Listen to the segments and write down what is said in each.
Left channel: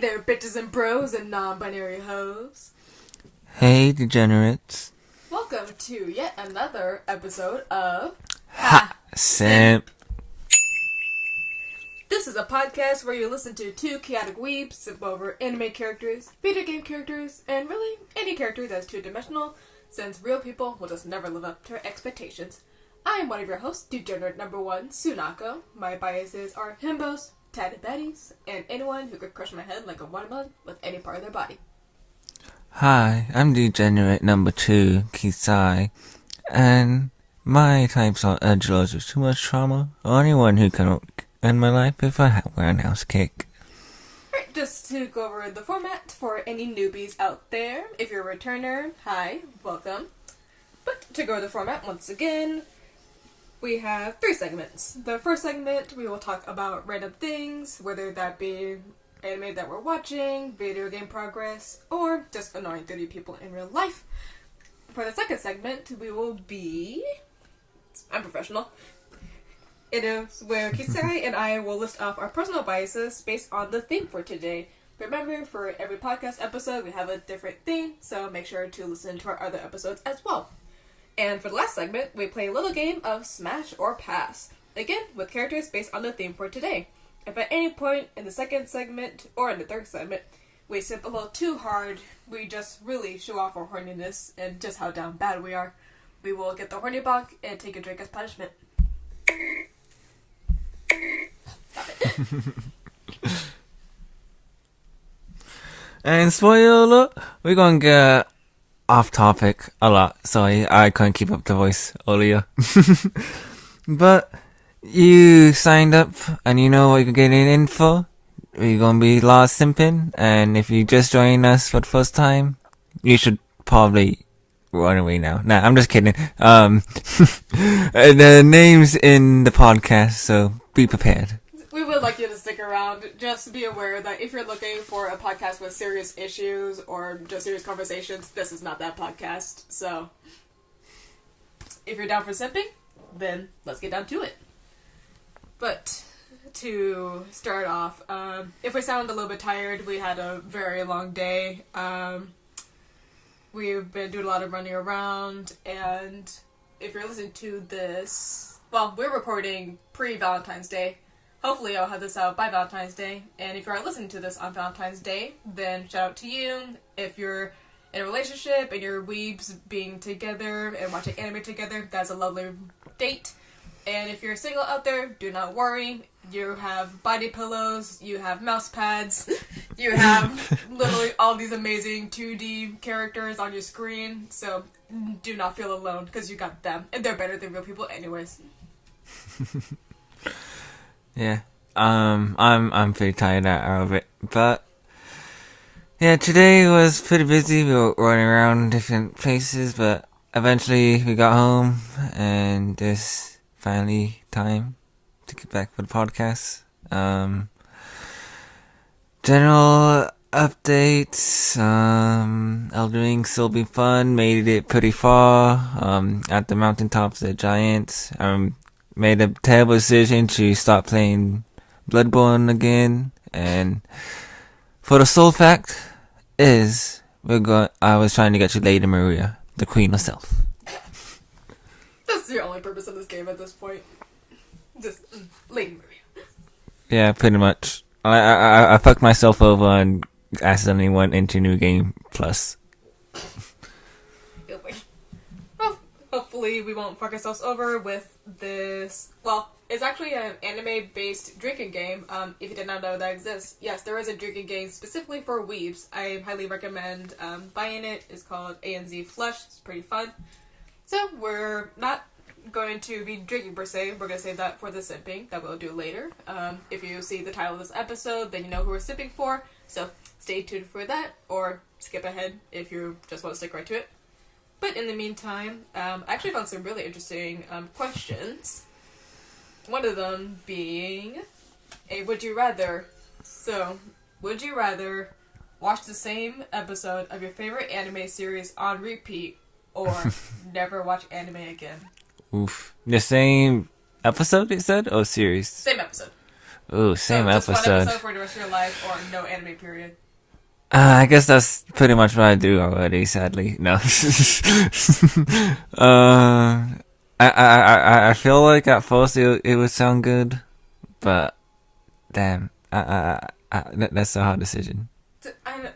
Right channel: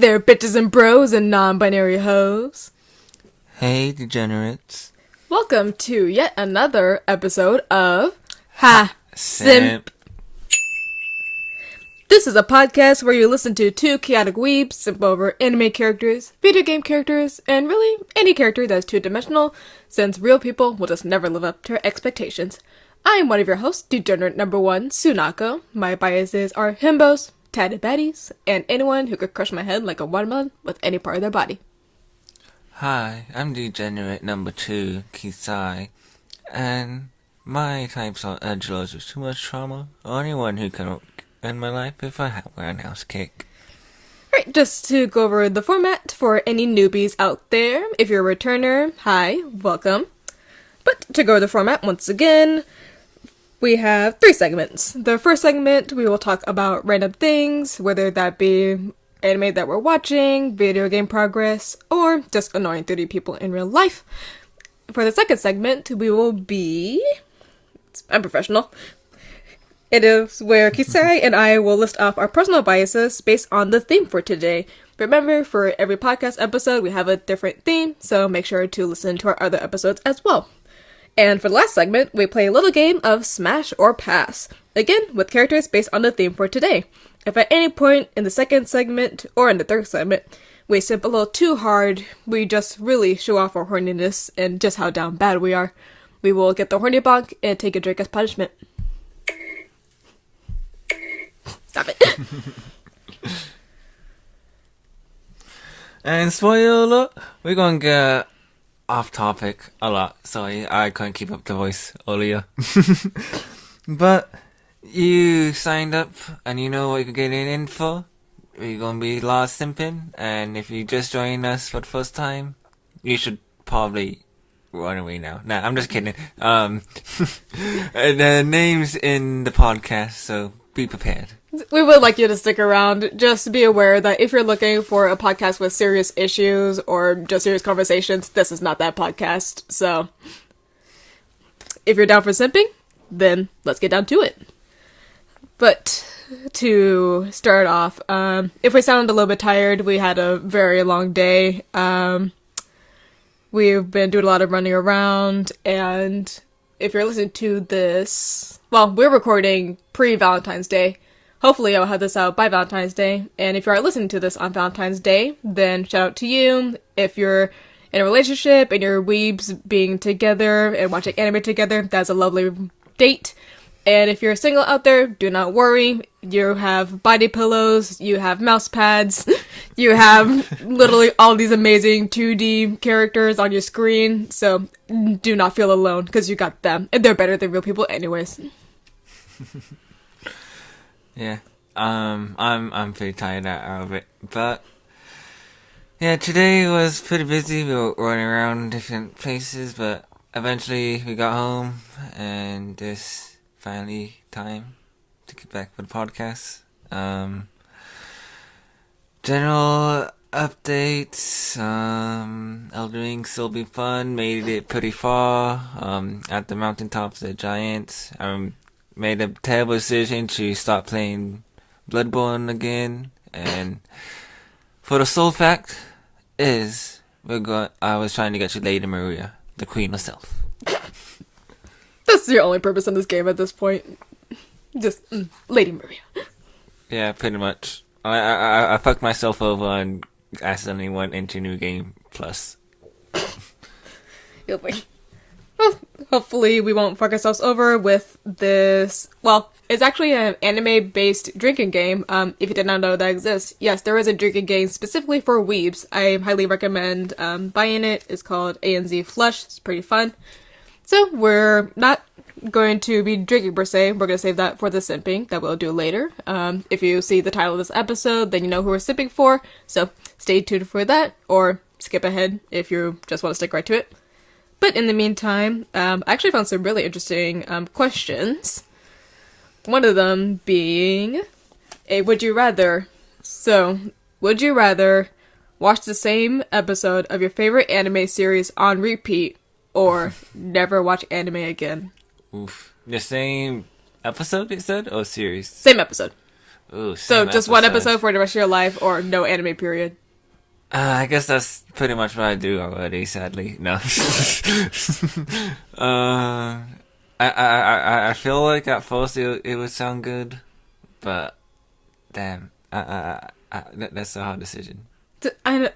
there, bitches and bros and non-binary hoes. Hey, degenerates. Welcome to yet another episode of Simp. This is a podcast where you listen to two chaotic weebs simp over anime characters, video game characters, and really any character that's two-dimensional, since real people will just never live up to our expectations. I am one of your hosts, degenerate number one, Sunako. My biases are himbos, tatted baddies, and anyone who could crush my head like a watermelon with any part of their body. Hi, I'm degenerate number two, Kisai, and my types are edgelords with too much trauma, or anyone who can end my life if I have a roundhouse kick. Alright, just to go over the format for any newbies out there, if you're a returner, hi, welcome. But to go over the format once again, we have 3 segments. The first segment, we will talk about random things, whether that be anime that we're watching, video game progress, or just annoying 30 people in real life. For the second segment, we will be... I'm professional. It is where Kisai and I will list off our personal biases based on the theme for today. Remember, for every podcast episode, we have a different theme, so make sure to listen to our other episodes as well. And for the last segment, we play a little game of Smash or Pass. Again, with characters based on the theme for today. If at any point in the second segment, or in the third segment, we simp a little too hard, we just really show off our horniness and just how down bad we are, we will get the horny bonk and take a drink as punishment. Stop it. And spoiler alert, we're gonna get off topic a lot. Sorry, I couldn't keep up the voice earlier. But you signed up and you know what you're getting in for. We're gonna be lost simping, and if you just joined us for the first time, you should probably run away now. Nah, I'm just kidding. The name's in the podcast, so be prepared. We would like you to stick around. Just be aware that if you're looking for a podcast with serious issues or just serious conversations, this is not that podcast. So, if you're down for simping, then let's get down to it. But to start off, if we sound a little bit tired, we had a very long day. We've been doing a lot of running around, and if you're listening to this, well, we're recording pre-Valentine's Day. Hopefully I'll have this out by Valentine's Day, and if you are listening to this on Valentine's Day, then shout out to you. If you're in a relationship and your weebs being together and watching anime together, that's a lovely date. And if you're single out there, do not worry. You have body pillows, you have mouse pads, you have literally all these amazing 2D characters on your screen, so do not feel alone, because you got them, and they're better than real people anyways. Yeah, I'm pretty tired out of it, but yeah, today was pretty busy. We were running around different places, but eventually we got home, and it's finally time to get back for the podcast. General updates, Elden Ring still be fun, made it pretty far, at the mountaintops of the giants. Made a terrible decision to stop playing Bloodborne again, and for the sole fact is I was trying to get you Lady Maria, the queen herself. That's your only purpose in this game at this point. Just Lady Maria. Yeah, pretty much. I fucked myself over and accidentally went into New Game Plus. Well, hopefully we won't fuck ourselves over with this. Well, it's actually an anime-based drinking game, if you did not know that exists. Yes, there is a drinking game specifically for weebs. I highly recommend buying it. It's called ANZ Flush. It's pretty fun. So, we're not going to be drinking per se. We're going to save that for the simping that we'll do later. If you see the title of this episode, then you know who we're simping for. So, stay tuned for that, or skip ahead if you just want to stick right to it. But in the meantime, I actually found some really interesting questions. One of them being a would you rather. So, would you rather watch the same episode of your favorite anime series on repeat, or never watch anime again? Oof. The same episode, it said, or series? Same episode. Ooh, So same just episode. one episode for the rest of your life, or no anime period. I guess that's pretty much what I do already. Sadly, no. I feel like at first it would sound good, but damn, that's a hard decision. I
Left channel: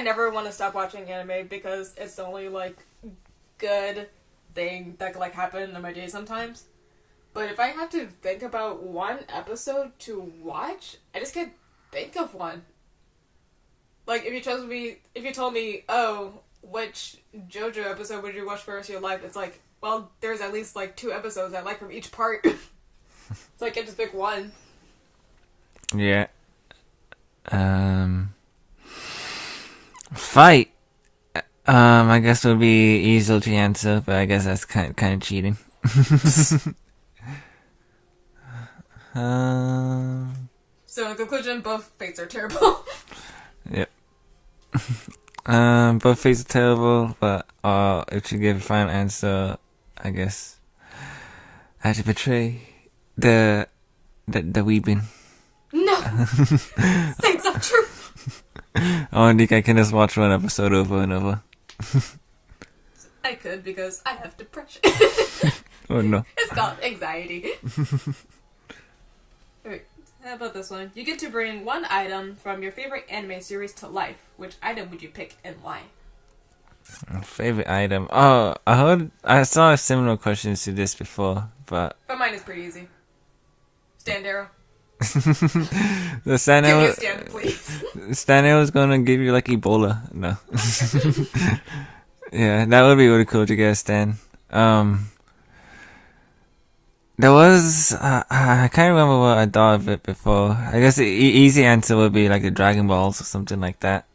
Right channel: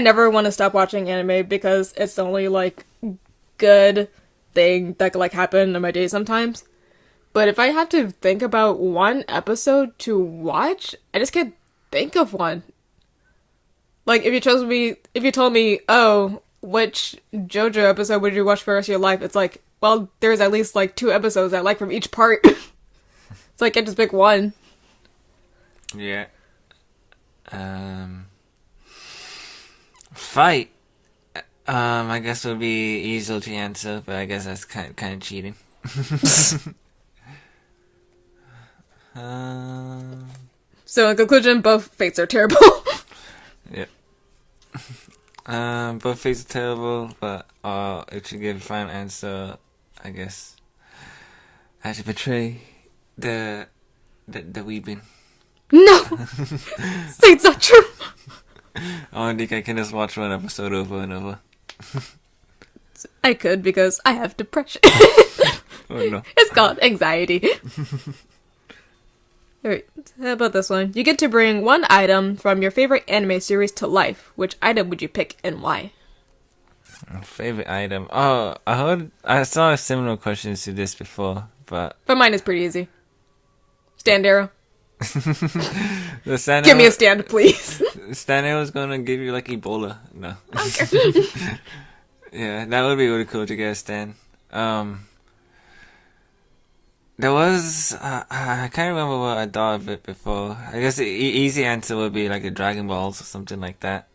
never want to stop watching anime because it's the only like good thing that could like happen in my day sometimes. But if I have to think about one episode to watch, I just can't think of one. Like if you told me, oh, which JoJo episode would you watch for the rest of your life? It's like, well, there's at least like 2 episodes I like from each part. So I can't just pick one. Yeah. Fight. I guess would be easy to answer, but I guess that's kind of cheating. So in conclusion, both fates are terrible. Yep. Both fates are terrible, but if you give a final answer, I guess I have to betray the weeping. No! Say it's not true! I don't think I can just watch one episode over and over. I could because I have depression. Oh no. It's called anxiety. Alright, how about this one? You get to bring one item from your favorite anime series to life. Which item would you pick and why? Favorite item? Oh, I saw similar questions to this before, but mine is pretty easy. Stand arrow. the stand Give arrow, me a stand, please. stand arrow is gonna give you like Ebola. No. Yeah, that would be really cool to get a stand. There was I can't remember what I thought of it before. I guess the easy answer would be like the Dragon Balls or something like that.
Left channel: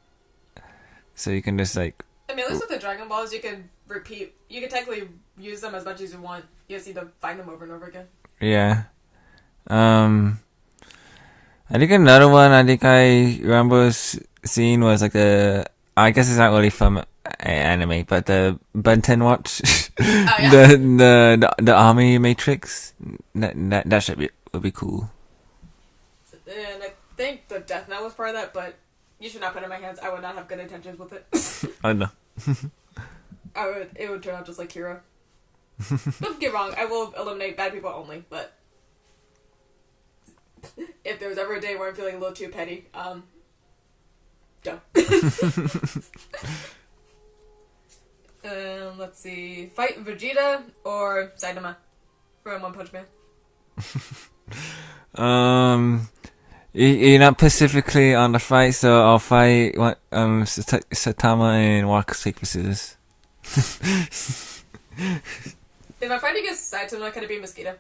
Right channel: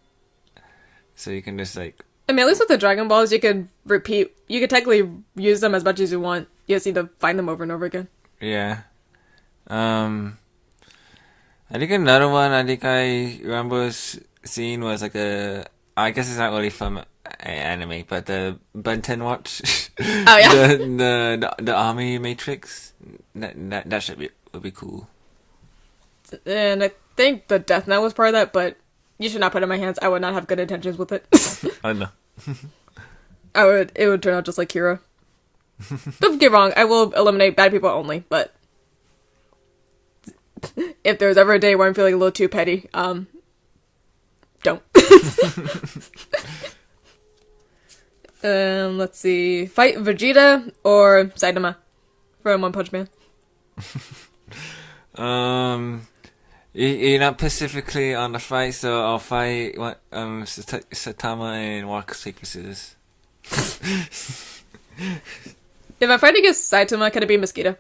So you can just like. I mean, at least with the Dragon Balls, you could repeat. You could technically use them as much as you want. You just need to find them over and over again. Yeah. I think another one I remember seeing was like I guess it's not really from anime, but the Benten Watch. Oh yeah. the Army Matrix. That would be cool. And I think the Death Note was part of that, but you should not put it in my hands. I would not have good intentions with it. I know. It would turn out just like Kira. Don't get me wrong, I will eliminate bad people only, but if there's ever a day where I'm feeling a little too petty, don't. Let's see. Fight Vegeta or Saitama from One Punch Man? You're not specifically on the fight, so I'll fight Saitama and walk paper scissors. If I'm fighting against Saitama, can it be Mosquito?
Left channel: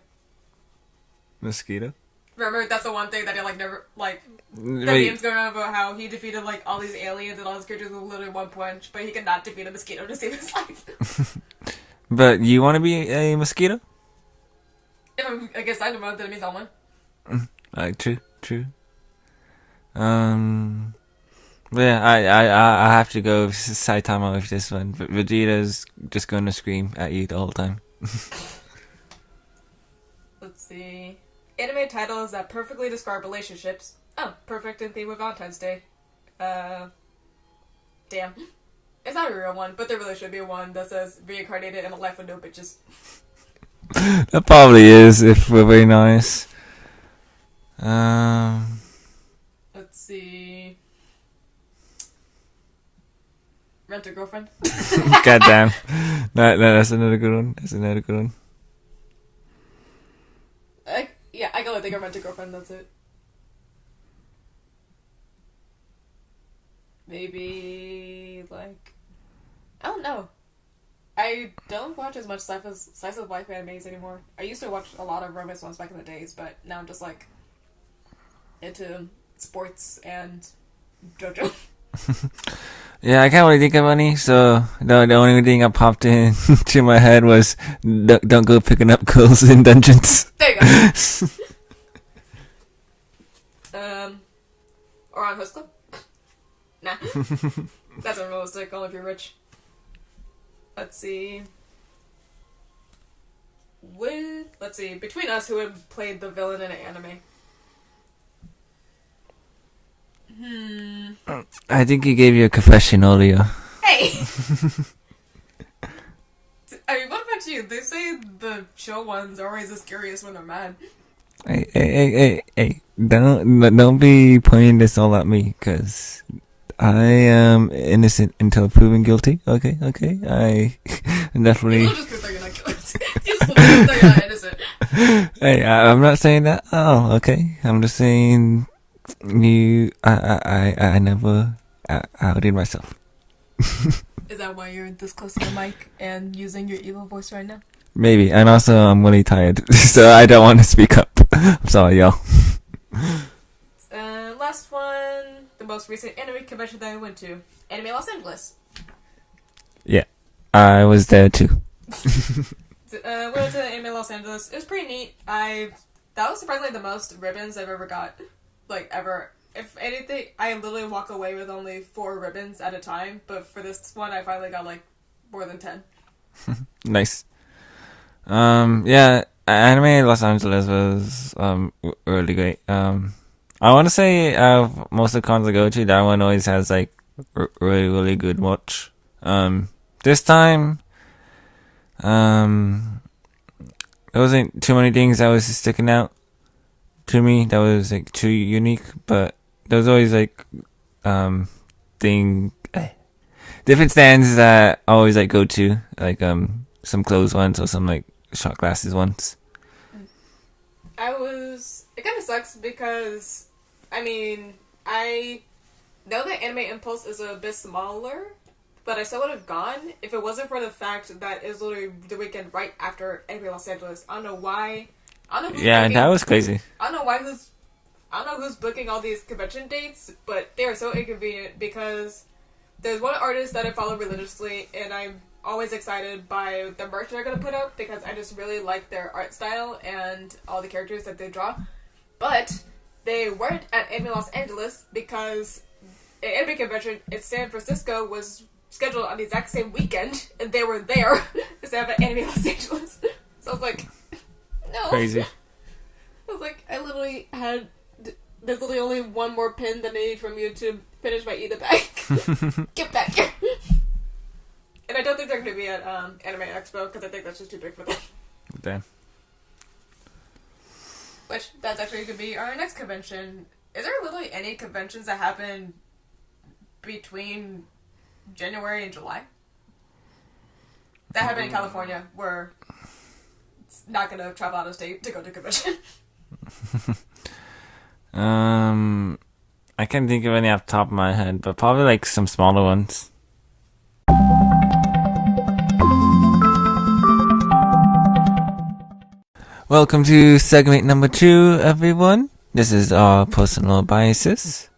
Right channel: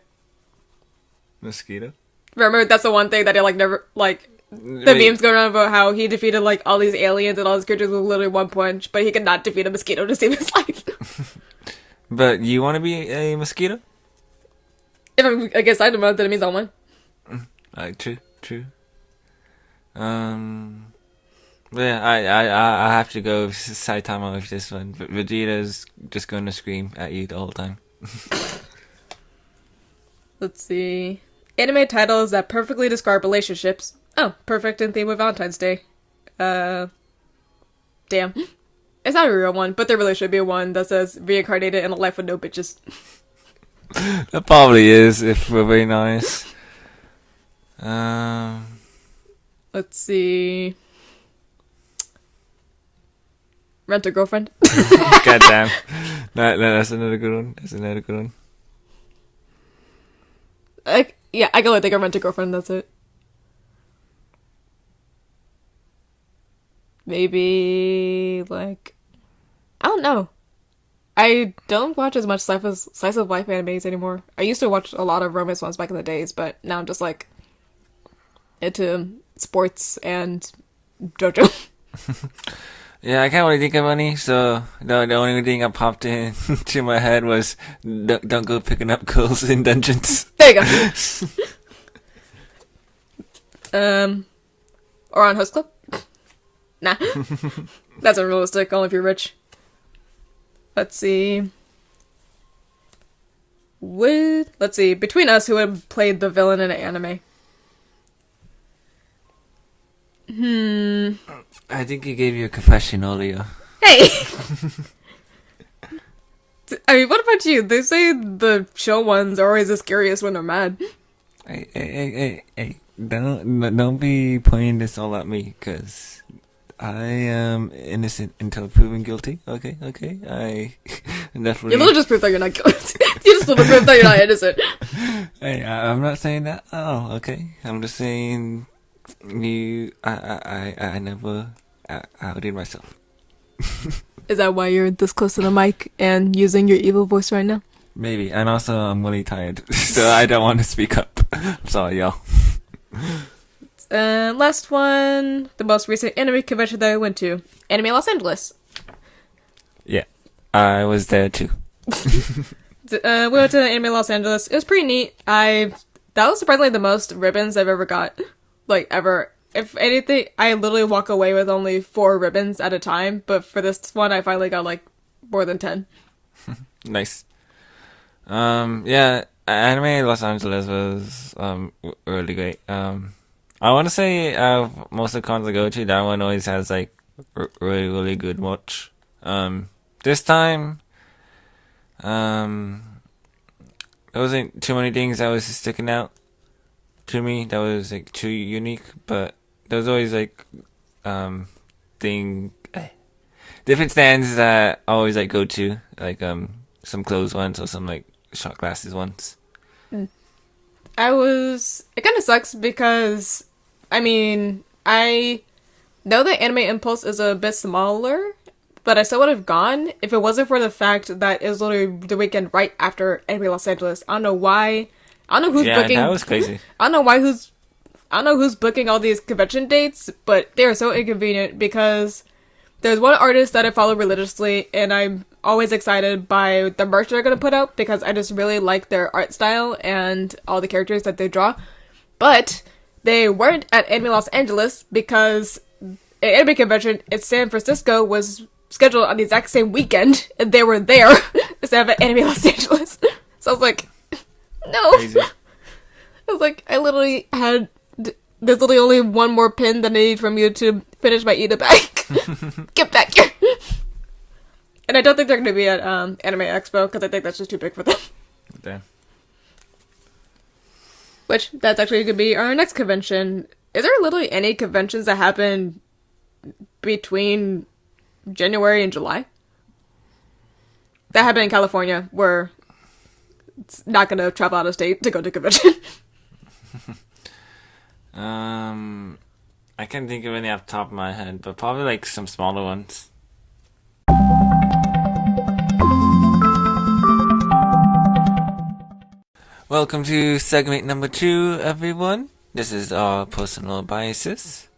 Mosquito? Remember, that's the one thing that I never the memes going around about how he defeated like all these aliens and all his creatures with literally one punch, but he could not defeat a mosquito to save his life. But you want to be a mosquito? If I'm against Saitama, then it means I'll win. True. Yeah, I have to go with Saitama with this one. But Vegeta's just going to scream at you the whole time. Let's see. Anime titles that perfectly describe relationships. Oh, perfect in theme with Valentine's Day. Damn. It's not a real one, but there really should be one that says reincarnated in a life with no bitches. That probably is, if we're being honest. Let's see. Rent a Girlfriend. Goddamn. That's another good one. I can only think of Rent a Girlfriend, that's it. Maybe, like, I don't know. I don't watch as much slice of life animes anymore. I used to watch a lot of romance ones back in the days, but now I'm just, like, into sports and JoJo. Yeah, I can't really think of any, so the only thing that popped into my head was don't go picking up girls in dungeons. There you go. Or on Host Club? Nah. That's unrealistic, only if you're rich. Let's see. Between us, who would play the villain in an anime? I think he gave you a confession earlier. Hey! I mean, what about you? They say the chill ones are always the scariest when they're mad. Hey. Don't be pointing this all at me, because I am innocent until proven guilty. Okay? I definitely... You literally just proved that you're not guilty. You just literally proved that you're not innocent. Hey, I'm not saying that. Oh, okay. I'm just saying I never outed myself. Is that why you're this close to the mic and using your evil voice right now? Maybe. And also, I'm really tired, so I don't want to speak up. I'm sorry, y'all. Last one, the most recent anime convention that I went to, Anime Los Angeles. Yeah, I was there too. We went to Anime Los Angeles. It was pretty neat. That was surprisingly the most ribbons I've ever got, like ever. If anything, I literally walk away with only 4 ribbons at a time, but for this one, I finally got like more than 10. Nice. Yeah, Anime Los Angeles was really great. I want to say most of the cons I go to, that one always has like really good watch. This time, there wasn't too many things that was sticking out to me that was like too unique, but there's always like different stands that I always like go to, like some closed ones or some like shot glasses ones. It kind of sucks because, I mean, I know that Anime Impulse is a bit smaller, but I still would have gone if it wasn't for the fact that it was literally the weekend right after Anime Los Angeles. I don't know why. I don't know who's booking. Yeah, that was crazy. I don't know who's booking all these convention dates, but they are so inconvenient because there's one artist that I follow religiously, and I'm always excited by the merch they're going to put out because I just really like their art style and all the characters that they draw. But they weren't at Anime Los Angeles because an anime convention in San Francisco was scheduled on the exact same weekend, and they were there instead of at Anime Los Angeles. So I was like, no. Crazy. I was like, I literally had... There's literally only one more pin that I need from you to finish my Ida bag. Get back here. And I don't think they're going to be at Anime Expo because I think that's just too big for them. Damn. Which, that's actually going to be our next convention. Is there literally any conventions that happen between January and July? That happened in California, where it's not going to travel out of state to go to convention. I can't think of any off the top of my head, but probably like some smaller ones. Welcome to segment number 2, everyone. This is our personal biases.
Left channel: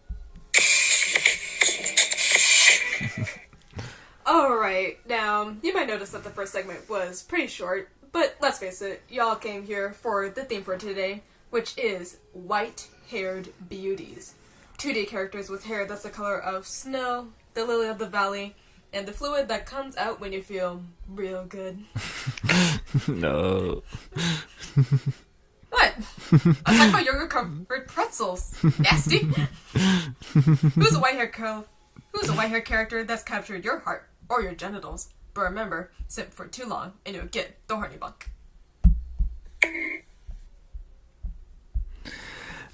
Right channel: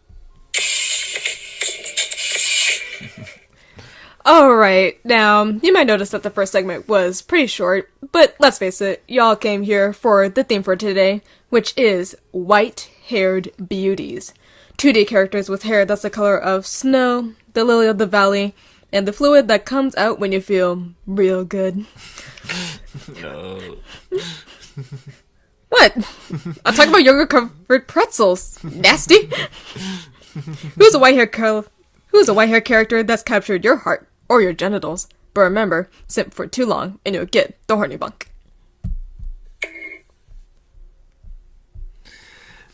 Alright, now, you might notice that the first segment was pretty short, but let's face it, y'all came here for the theme for today, which is white-haired beauties. 2D characters with hair that's the color of snow, the lily of the valley, and the fluid that comes out when you feel real good. No. What? I'm talking about yogurt-covered pretzels. Nasty. Who's a white-haired character that's captured your heart or your genitals? But remember, simp for too long and you'll get the horny bunk.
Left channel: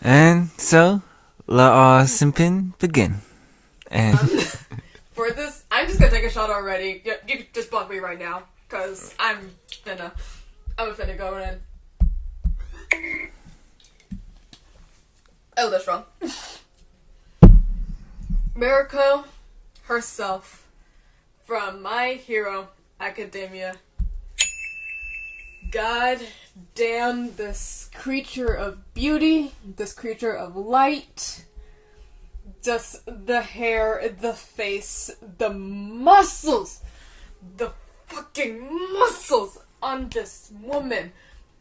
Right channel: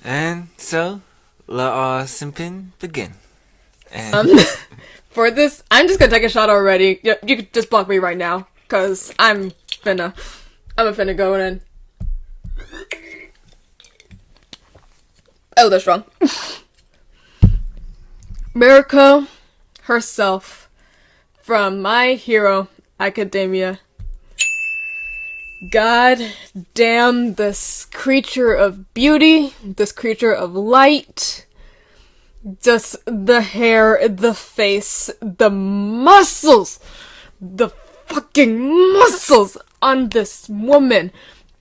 And so, let our simping begin. And For this, I'm just gonna take a shot already. You could just block me right now, cause I'm finna go in. Oh, that's wrong. Mirko herself from My Hero Academia. God damn this creature of beauty, this creature of light. Just the hair, the face, the muscles, the fucking muscles on this woman.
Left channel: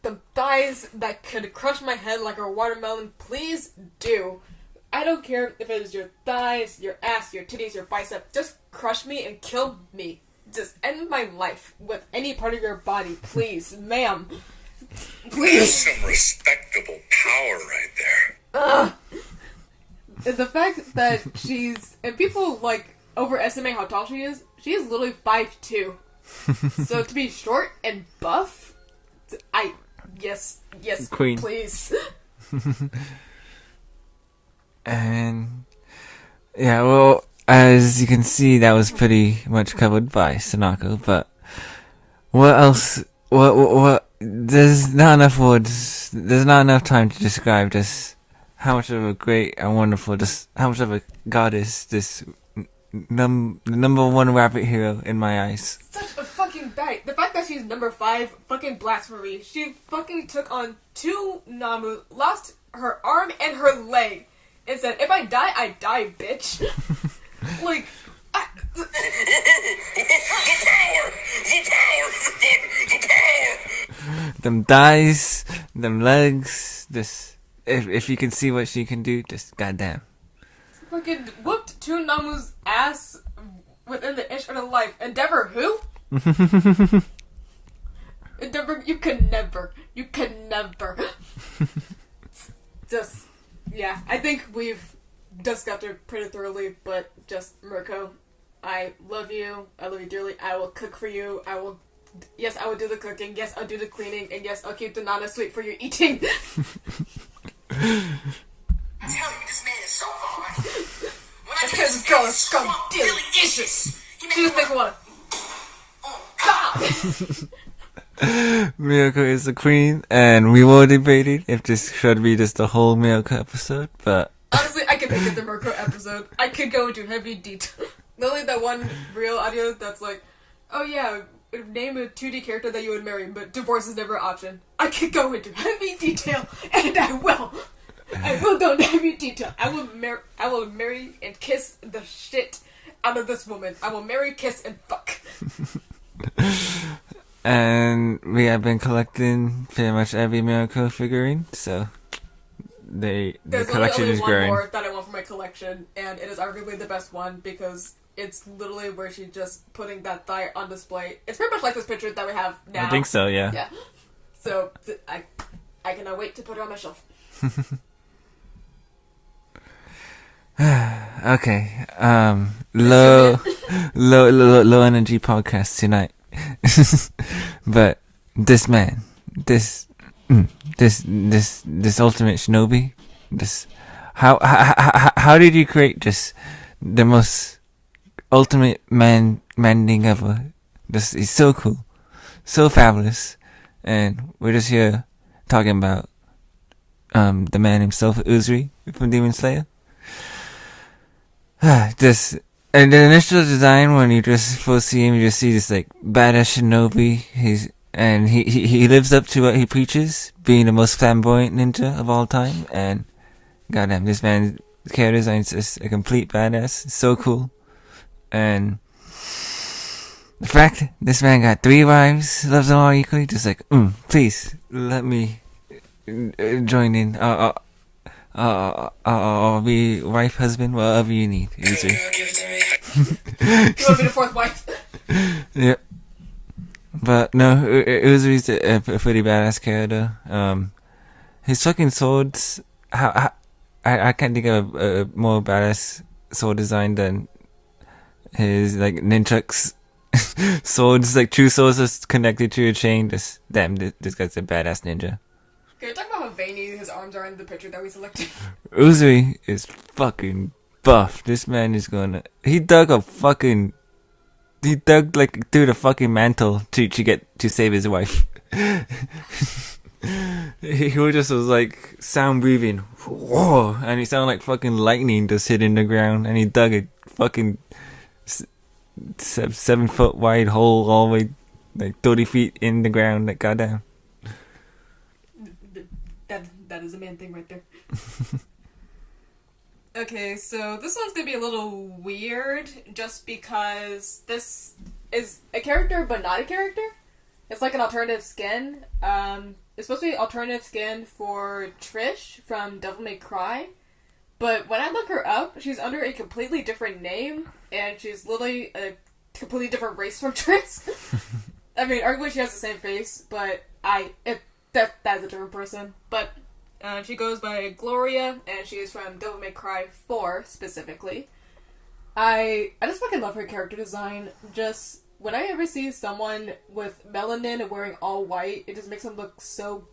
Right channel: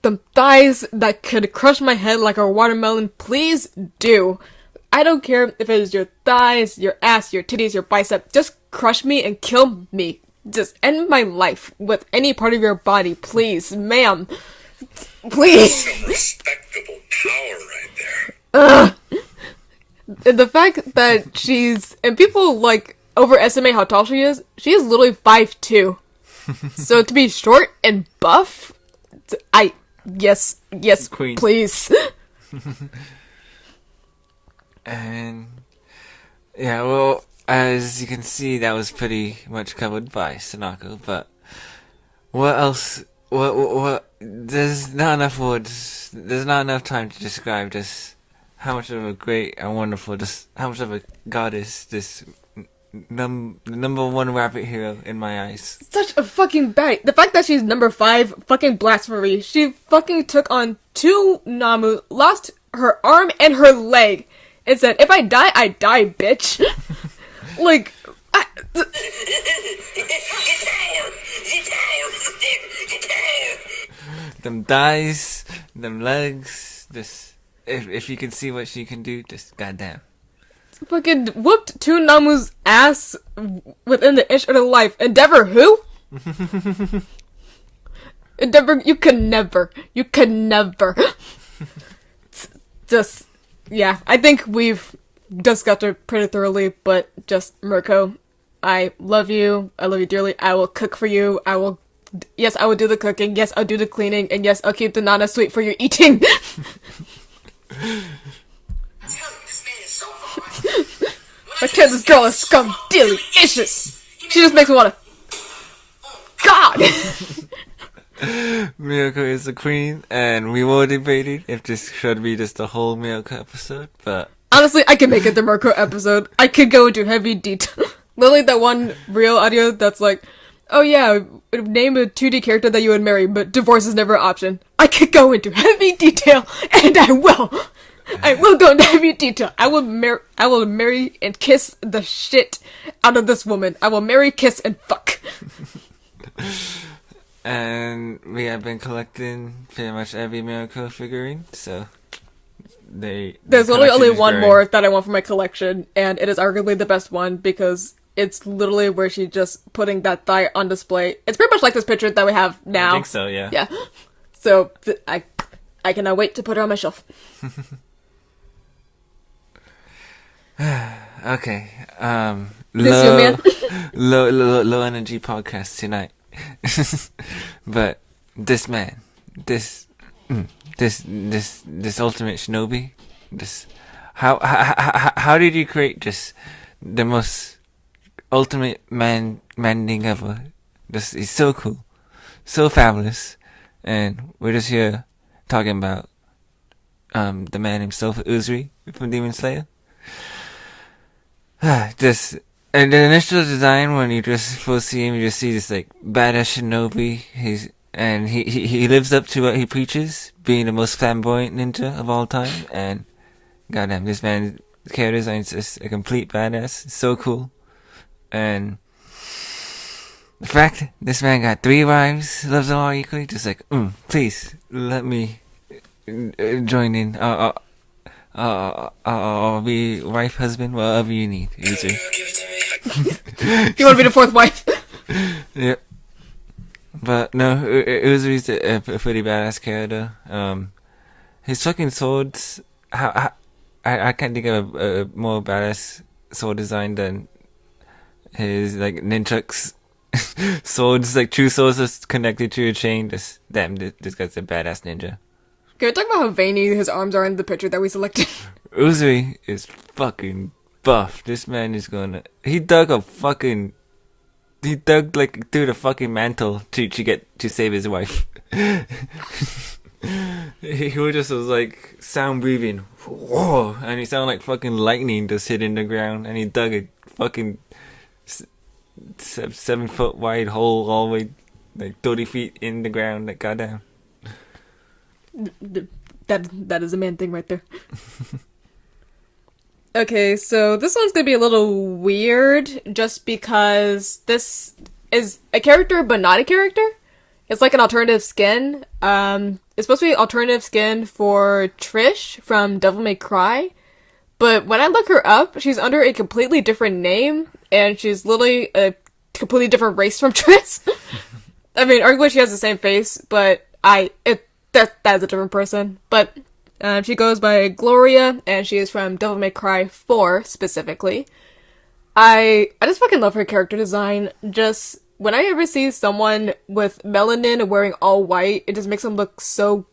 The thighs that could crush my head like a watermelon, please do. I don't care if it is your thighs, your ass, your titties, your bicep. Just crush me and kill me. Just end my life with any part of your body, please, ma'am. Please. That's some respectable power right there. the fact that and people like overestimate how tall she is literally 5'2". So to be short and buff, yes, Queen. please. And yeah, well, as you can see, that was pretty much covered by Sanako. But what else? What? There's not enough words. There's not enough time to describe just how much of a great and wonderful, just how much of a goddess this number one rabbit hero in my eyes. Such a fucking baddie. The fact that she's number 5, fucking blasphemy. She fucking took on 2 Namu, lost her arm and her leg, and said, "If I die, bitch." Like, them thighs, them legs, just if you can see what she can do, just goddamn. fucking whooped 2 Namu's ass within the inch of her life. Endeavor who? Endeavor, you can never. Just, yeah, I think we've discussed it pretty thoroughly, but just, Mirko, I love you dearly. I will cook for you. Yes, I will do the cooking. Yes, I'll do the cleaning. And yes, I'll keep the Nana sweet for your eating. I tell this girl is scum delicious. She just makes me wanna. God! Mirko is the queen, and we were debating if this should be just a whole Mirko episode, but honestly, I can make it the Mirko episode. I could go into heavy detail. Literally that one real audio that's like, oh yeah, name a 2D character that you would marry, but divorce is never an option. I could go into heavy detail, and I will. I will go into heavy detail. I will marry and kiss the shit out of this woman. I will marry, kiss, and fuck. And we have been collecting pretty much every Mirko figurine, so there's literally only one more that I want for my collection, and it is arguably the best one because it's literally where she's just putting that thigh on display. It's pretty much like this picture that we have now. I think so, yeah. Yeah. So I cannot wait to put her on my shelf. Okay. Low energy podcast tonight. But this man, this ultimate shinobi, how did you create just the most ultimate man-thing ever? He's so cool, so fabulous, and we're just here talking about the man himself, Uzuri from Demon Slayer. And the initial design, when you just first see him, you just see this like badass shinobi. He lives up to what he preaches, being the most flamboyant ninja of all time. And goddamn, this man's character design is just a complete badass. It's so cool. And the fact this man got 3 wives, loves them all equally, just like, please let me join in. I'll be wife, husband, whatever you need. Easy. You want to be the 4th wife? Yep. But no, Uzuri's a pretty badass character. His fucking swords. I can't think of a more badass sword design than his like nunchucks. Swords, like true swords, are connected to a chain. This guy's a badass ninja. Can we talk about how veiny his arms are in the picture that we selected? Uzuri is fucking buff. This man is he dug like through the fucking mantle to save his wife. he just was like sound breathing, whoa, and he sounded like fucking lightning just hitting the ground, and he dug a fucking 7 foot wide hole all the way like 30 feet in the ground. Like goddamn. That is a man thing right there. Okay, so this one's gonna be a little weird just because this is a character but not a character. It's like an alternative skin. It's supposed to be alternative skin for Trish from Devil May Cry, but when I look her up, she's under a completely different name, and she's literally a completely different race from Trish. I mean, arguably she has the same face, but that is a different person. But She goes by Gloria, and she is from Devil May Cry 4 specifically. I just fucking love her character design. Just when I ever see someone with melanin and wearing all white, it just makes them look so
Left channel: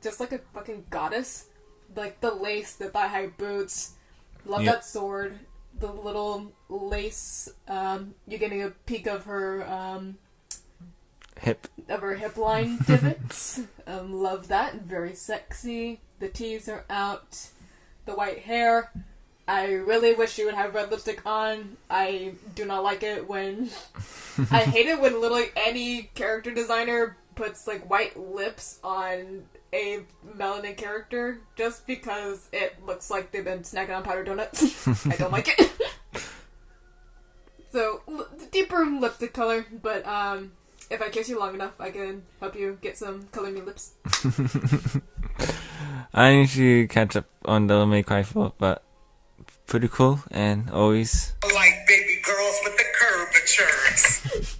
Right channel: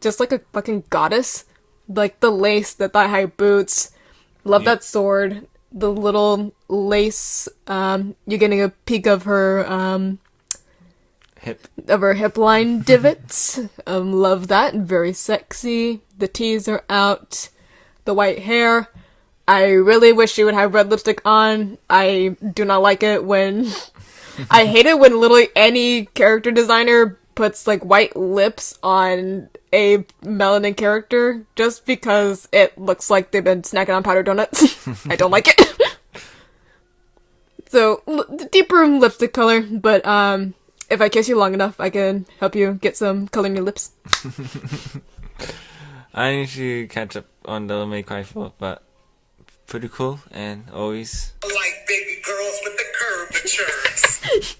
just like a fucking goddess. Like the lace, the thigh-high boots. Love that sword. The little lace. You're getting a peek of her hip line divots. Love that. Very sexy. The tees are out. The white hair. I really wish she would have red lipstick on. I do not like it when... I hate it when literally any character designer puts, like, white lips on a melanin character just because it looks like they've been snacking on powdered donuts. I don't like it. So, deeper lipstick color, but, if I kiss you long enough, I can help you get some color in your lips. I need to catch up on the May Cry 4, but pretty cool and always like baby girls with the curvatures.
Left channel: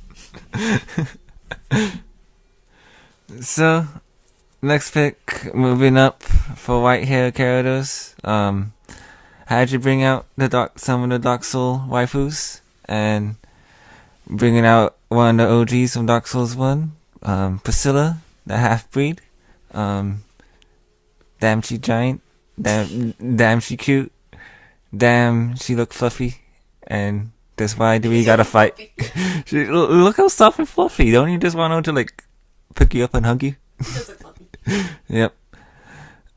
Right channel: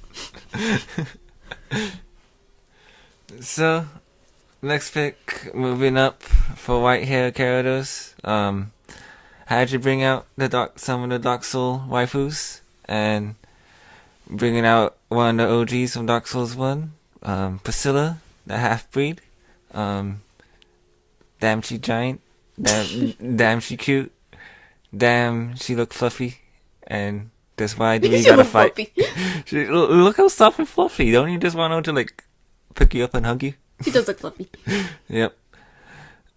So next pick, moving up for white hair characters. Had you bring out some of the Dark Soul waifus and bringing out one of the OGs from Dark Souls 1, Priscilla, the half breed. Damn she giant, damn she cute. Damn, she look fluffy, and that's why we gotta fight. Look how soft and fluffy. Don't you just want her to like pick you up and hug you? She does look fluffy. Yep.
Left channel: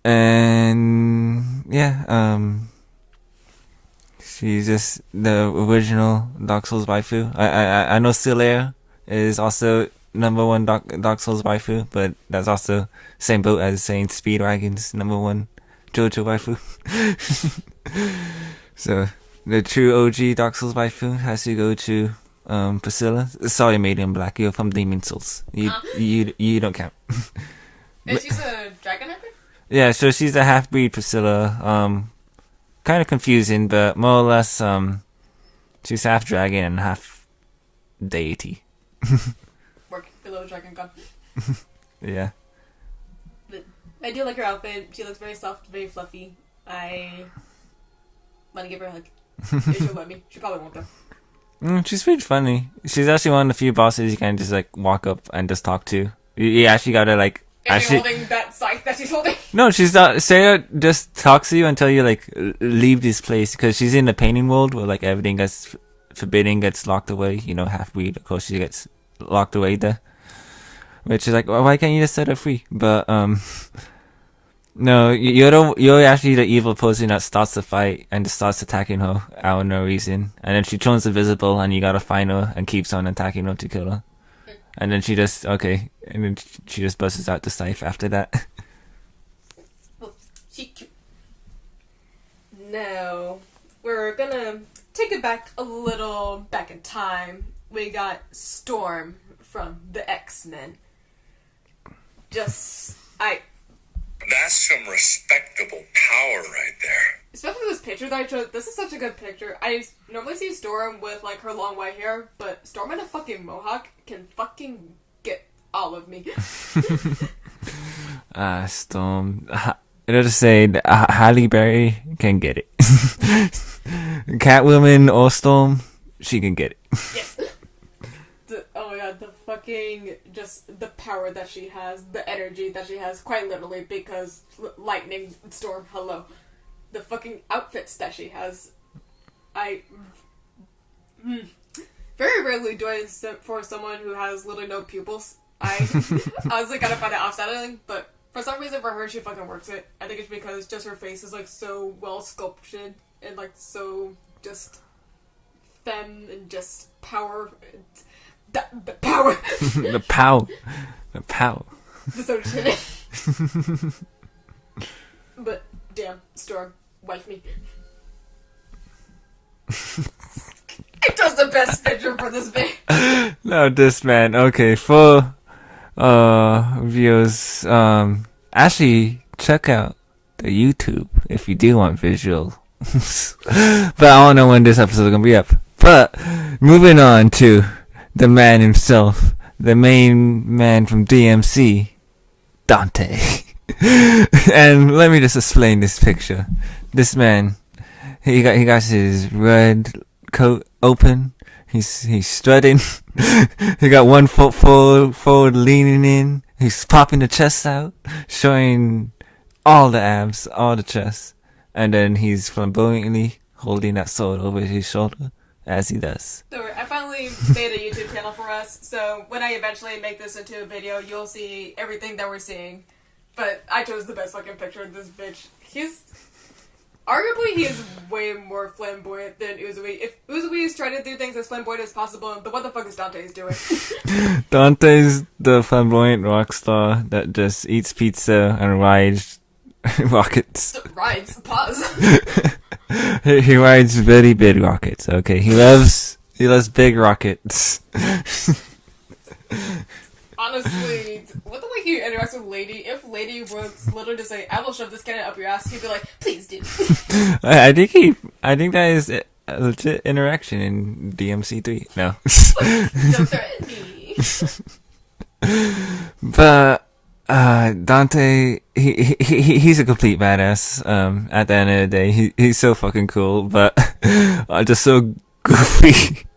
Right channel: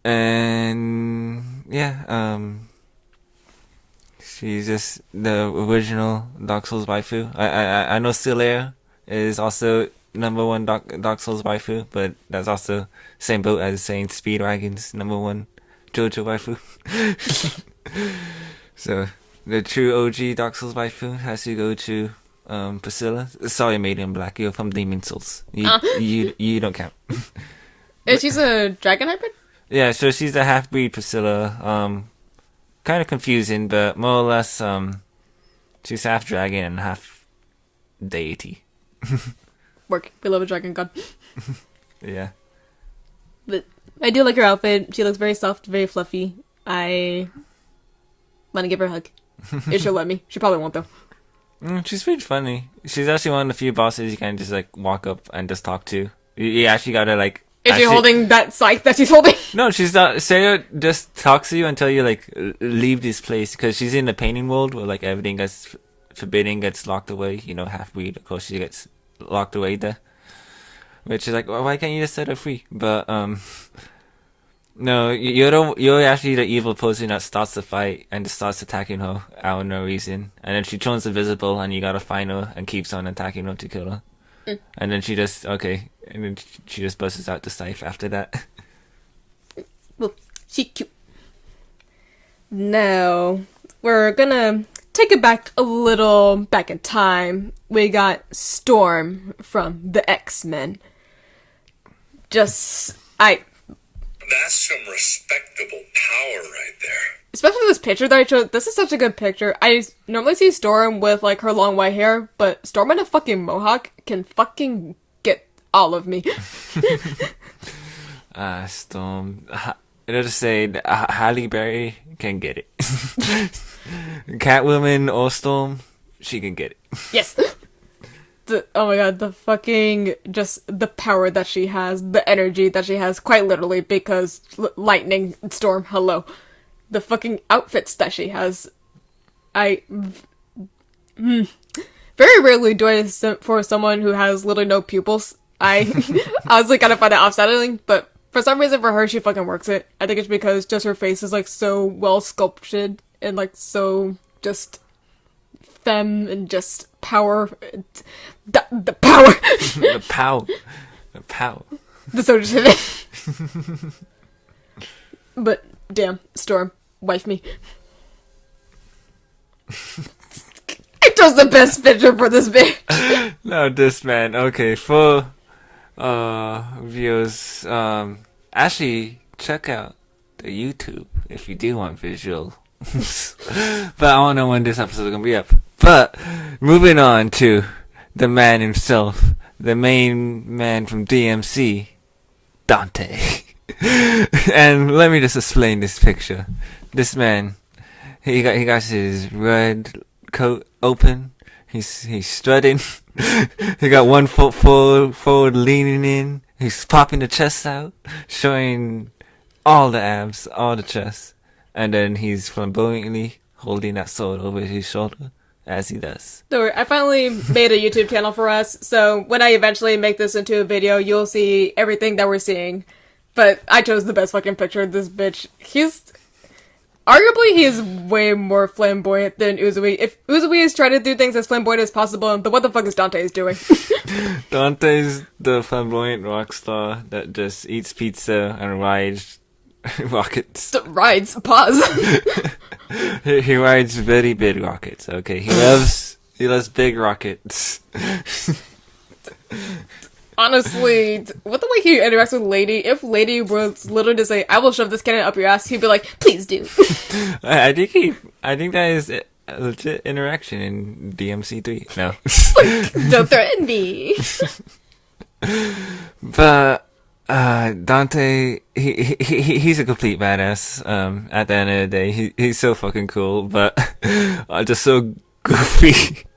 And yeah, she's just the original Dark Souls waifu. I know Solaire is also #1 Dark Souls waifu, but that's also same boat as saying Speedwagon's #1 JoJo waifu. So the true OG Dark Souls waifu has to go to Priscilla. Sorry, Made in Black. You're from Demon Souls. You don't count. And she's a dragon hybrid? Yeah, so she's a half breed Priscilla. Kind of confusing, but more or less she's half dragon and half deity. Work. We love a dragon god. Yeah. But I do like her outfit. She looks very soft, very fluffy. I want to give her a hug. If she'll let me. She probably won't, though. She's pretty funny. She's actually one of the few bosses you can just like walk up and just talk to. You actually gotta like... If you're holding that scythe that she's holding? No, she's not. Sarah just talks to you until you like leave this place, because she's in the painting world where like everything gets forbidden, gets locked away. You know, half breed, of course, she gets locked away there. Which is like, well, why can't you just set her free? But no, you're actually the evil person that starts the fight and just starts attacking her out of no reason, and then she turns invisible, and you gotta find her and keeps on attacking her to kill her. And then she just she just busts out the scythe after that. Well, she's cute. Now, we're gonna take it back a little back in time. We got Storm from the X-Men. That's some respectable power right there. Especially this picture that I showed. This is such a good picture. I normally see Storm with, like, her long white hair, but Storm in a fucking mohawk can fucking get all of me. Storm. It'll just say Halle Berry can get it. Catwoman or Storm, she can get it. Yes. Oh my god, the fucking, just the power that she has, the energy that she has, quite literally, because lightning, Storm, hello. The fucking outfits that she has. Very rarely do I for someone who has literally no pupils. I was like, kind of find it offsetting, but for some reason for her, she fucking works it. I think it's because just her face is like so well sculpted and like so just femme and just power. The power. The pow. The pow. The soldiers in it. But damn, Storm, wife me. I chose the best picture for this bitch. No, this man. Okay, for viewers, actually check out the YouTube if you do want visual. But I don't know when this episode is gonna be up. But moving on to the man himself, the main man from DMC, Dante. And let me just explain this picture. This man, he got his red coat open. He's strutting. He got one foot forward, leaning in. He's popping the chest out, showing all the abs, all the chest, and then he's flamboyantly holding that sword over his shoulder as he does. Don't worry, I finally made a YouTube channel for us, so when I eventually make this into a video, you'll see everything that we're seeing. But I chose the best fucking picture of this bitch. Arguably, he is way more flamboyant than Uzui. If Uzui is trying to do things as flamboyant as possible, then what the fuck is Dante is doing? Dante's the flamboyant rock star that just eats pizza and rides rockets. Rides. Pause. He rides very big rockets. Okay, he loves big rockets. Honestly, with the way he interacts with Lady, if Lady was literally to say, "I will shove this cannon up your ass," he'd be like, "Please do." I think that is a legit interaction in DMC3. No. Don't threaten me. But Dante, he's a complete badass. At the end of the day, he's so fucking cool, but just so goofy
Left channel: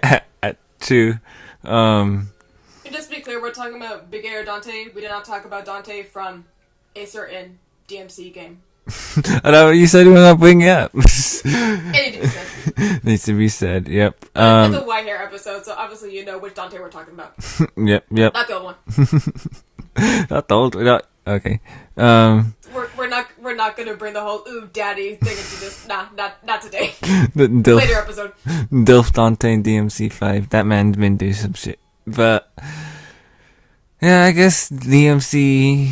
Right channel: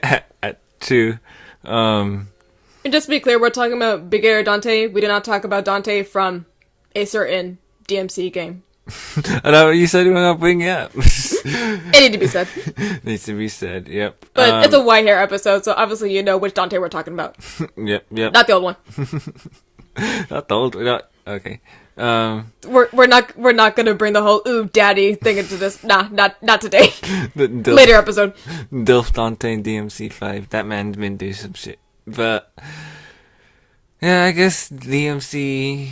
at two. And just to be clear, we're talking about Big Air Dante. We did not talk about Dante from a certain DMC game. I know you said you were not bringing it up. It needs to be said. Needs to be said. Yep. But it's a white hair episode, so obviously you know which Dante we're talking about. Yep. Not the old one. Not the old. Not okay. We're not gonna bring the whole "ooh daddy" thing into this. Nah, not today. The Later episode. Dilf Dante and DMC5. That man's been through some shit. But yeah, I guess DMC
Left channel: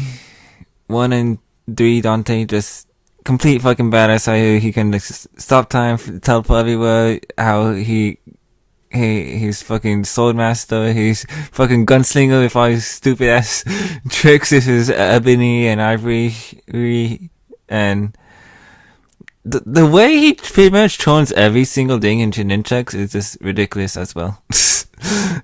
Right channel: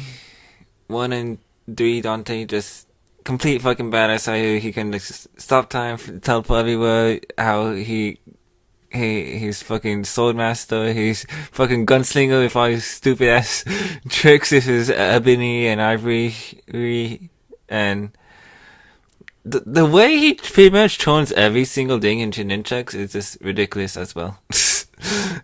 1 and 3 Dante just complete fucking badass. How he can like, stop time, teleport everywhere. How he's fucking sword master. He's fucking gunslinger with all his stupid ass tricks with his ebony and ivory, and the way he pretty much turns every single thing into nunchucks is just ridiculous as well.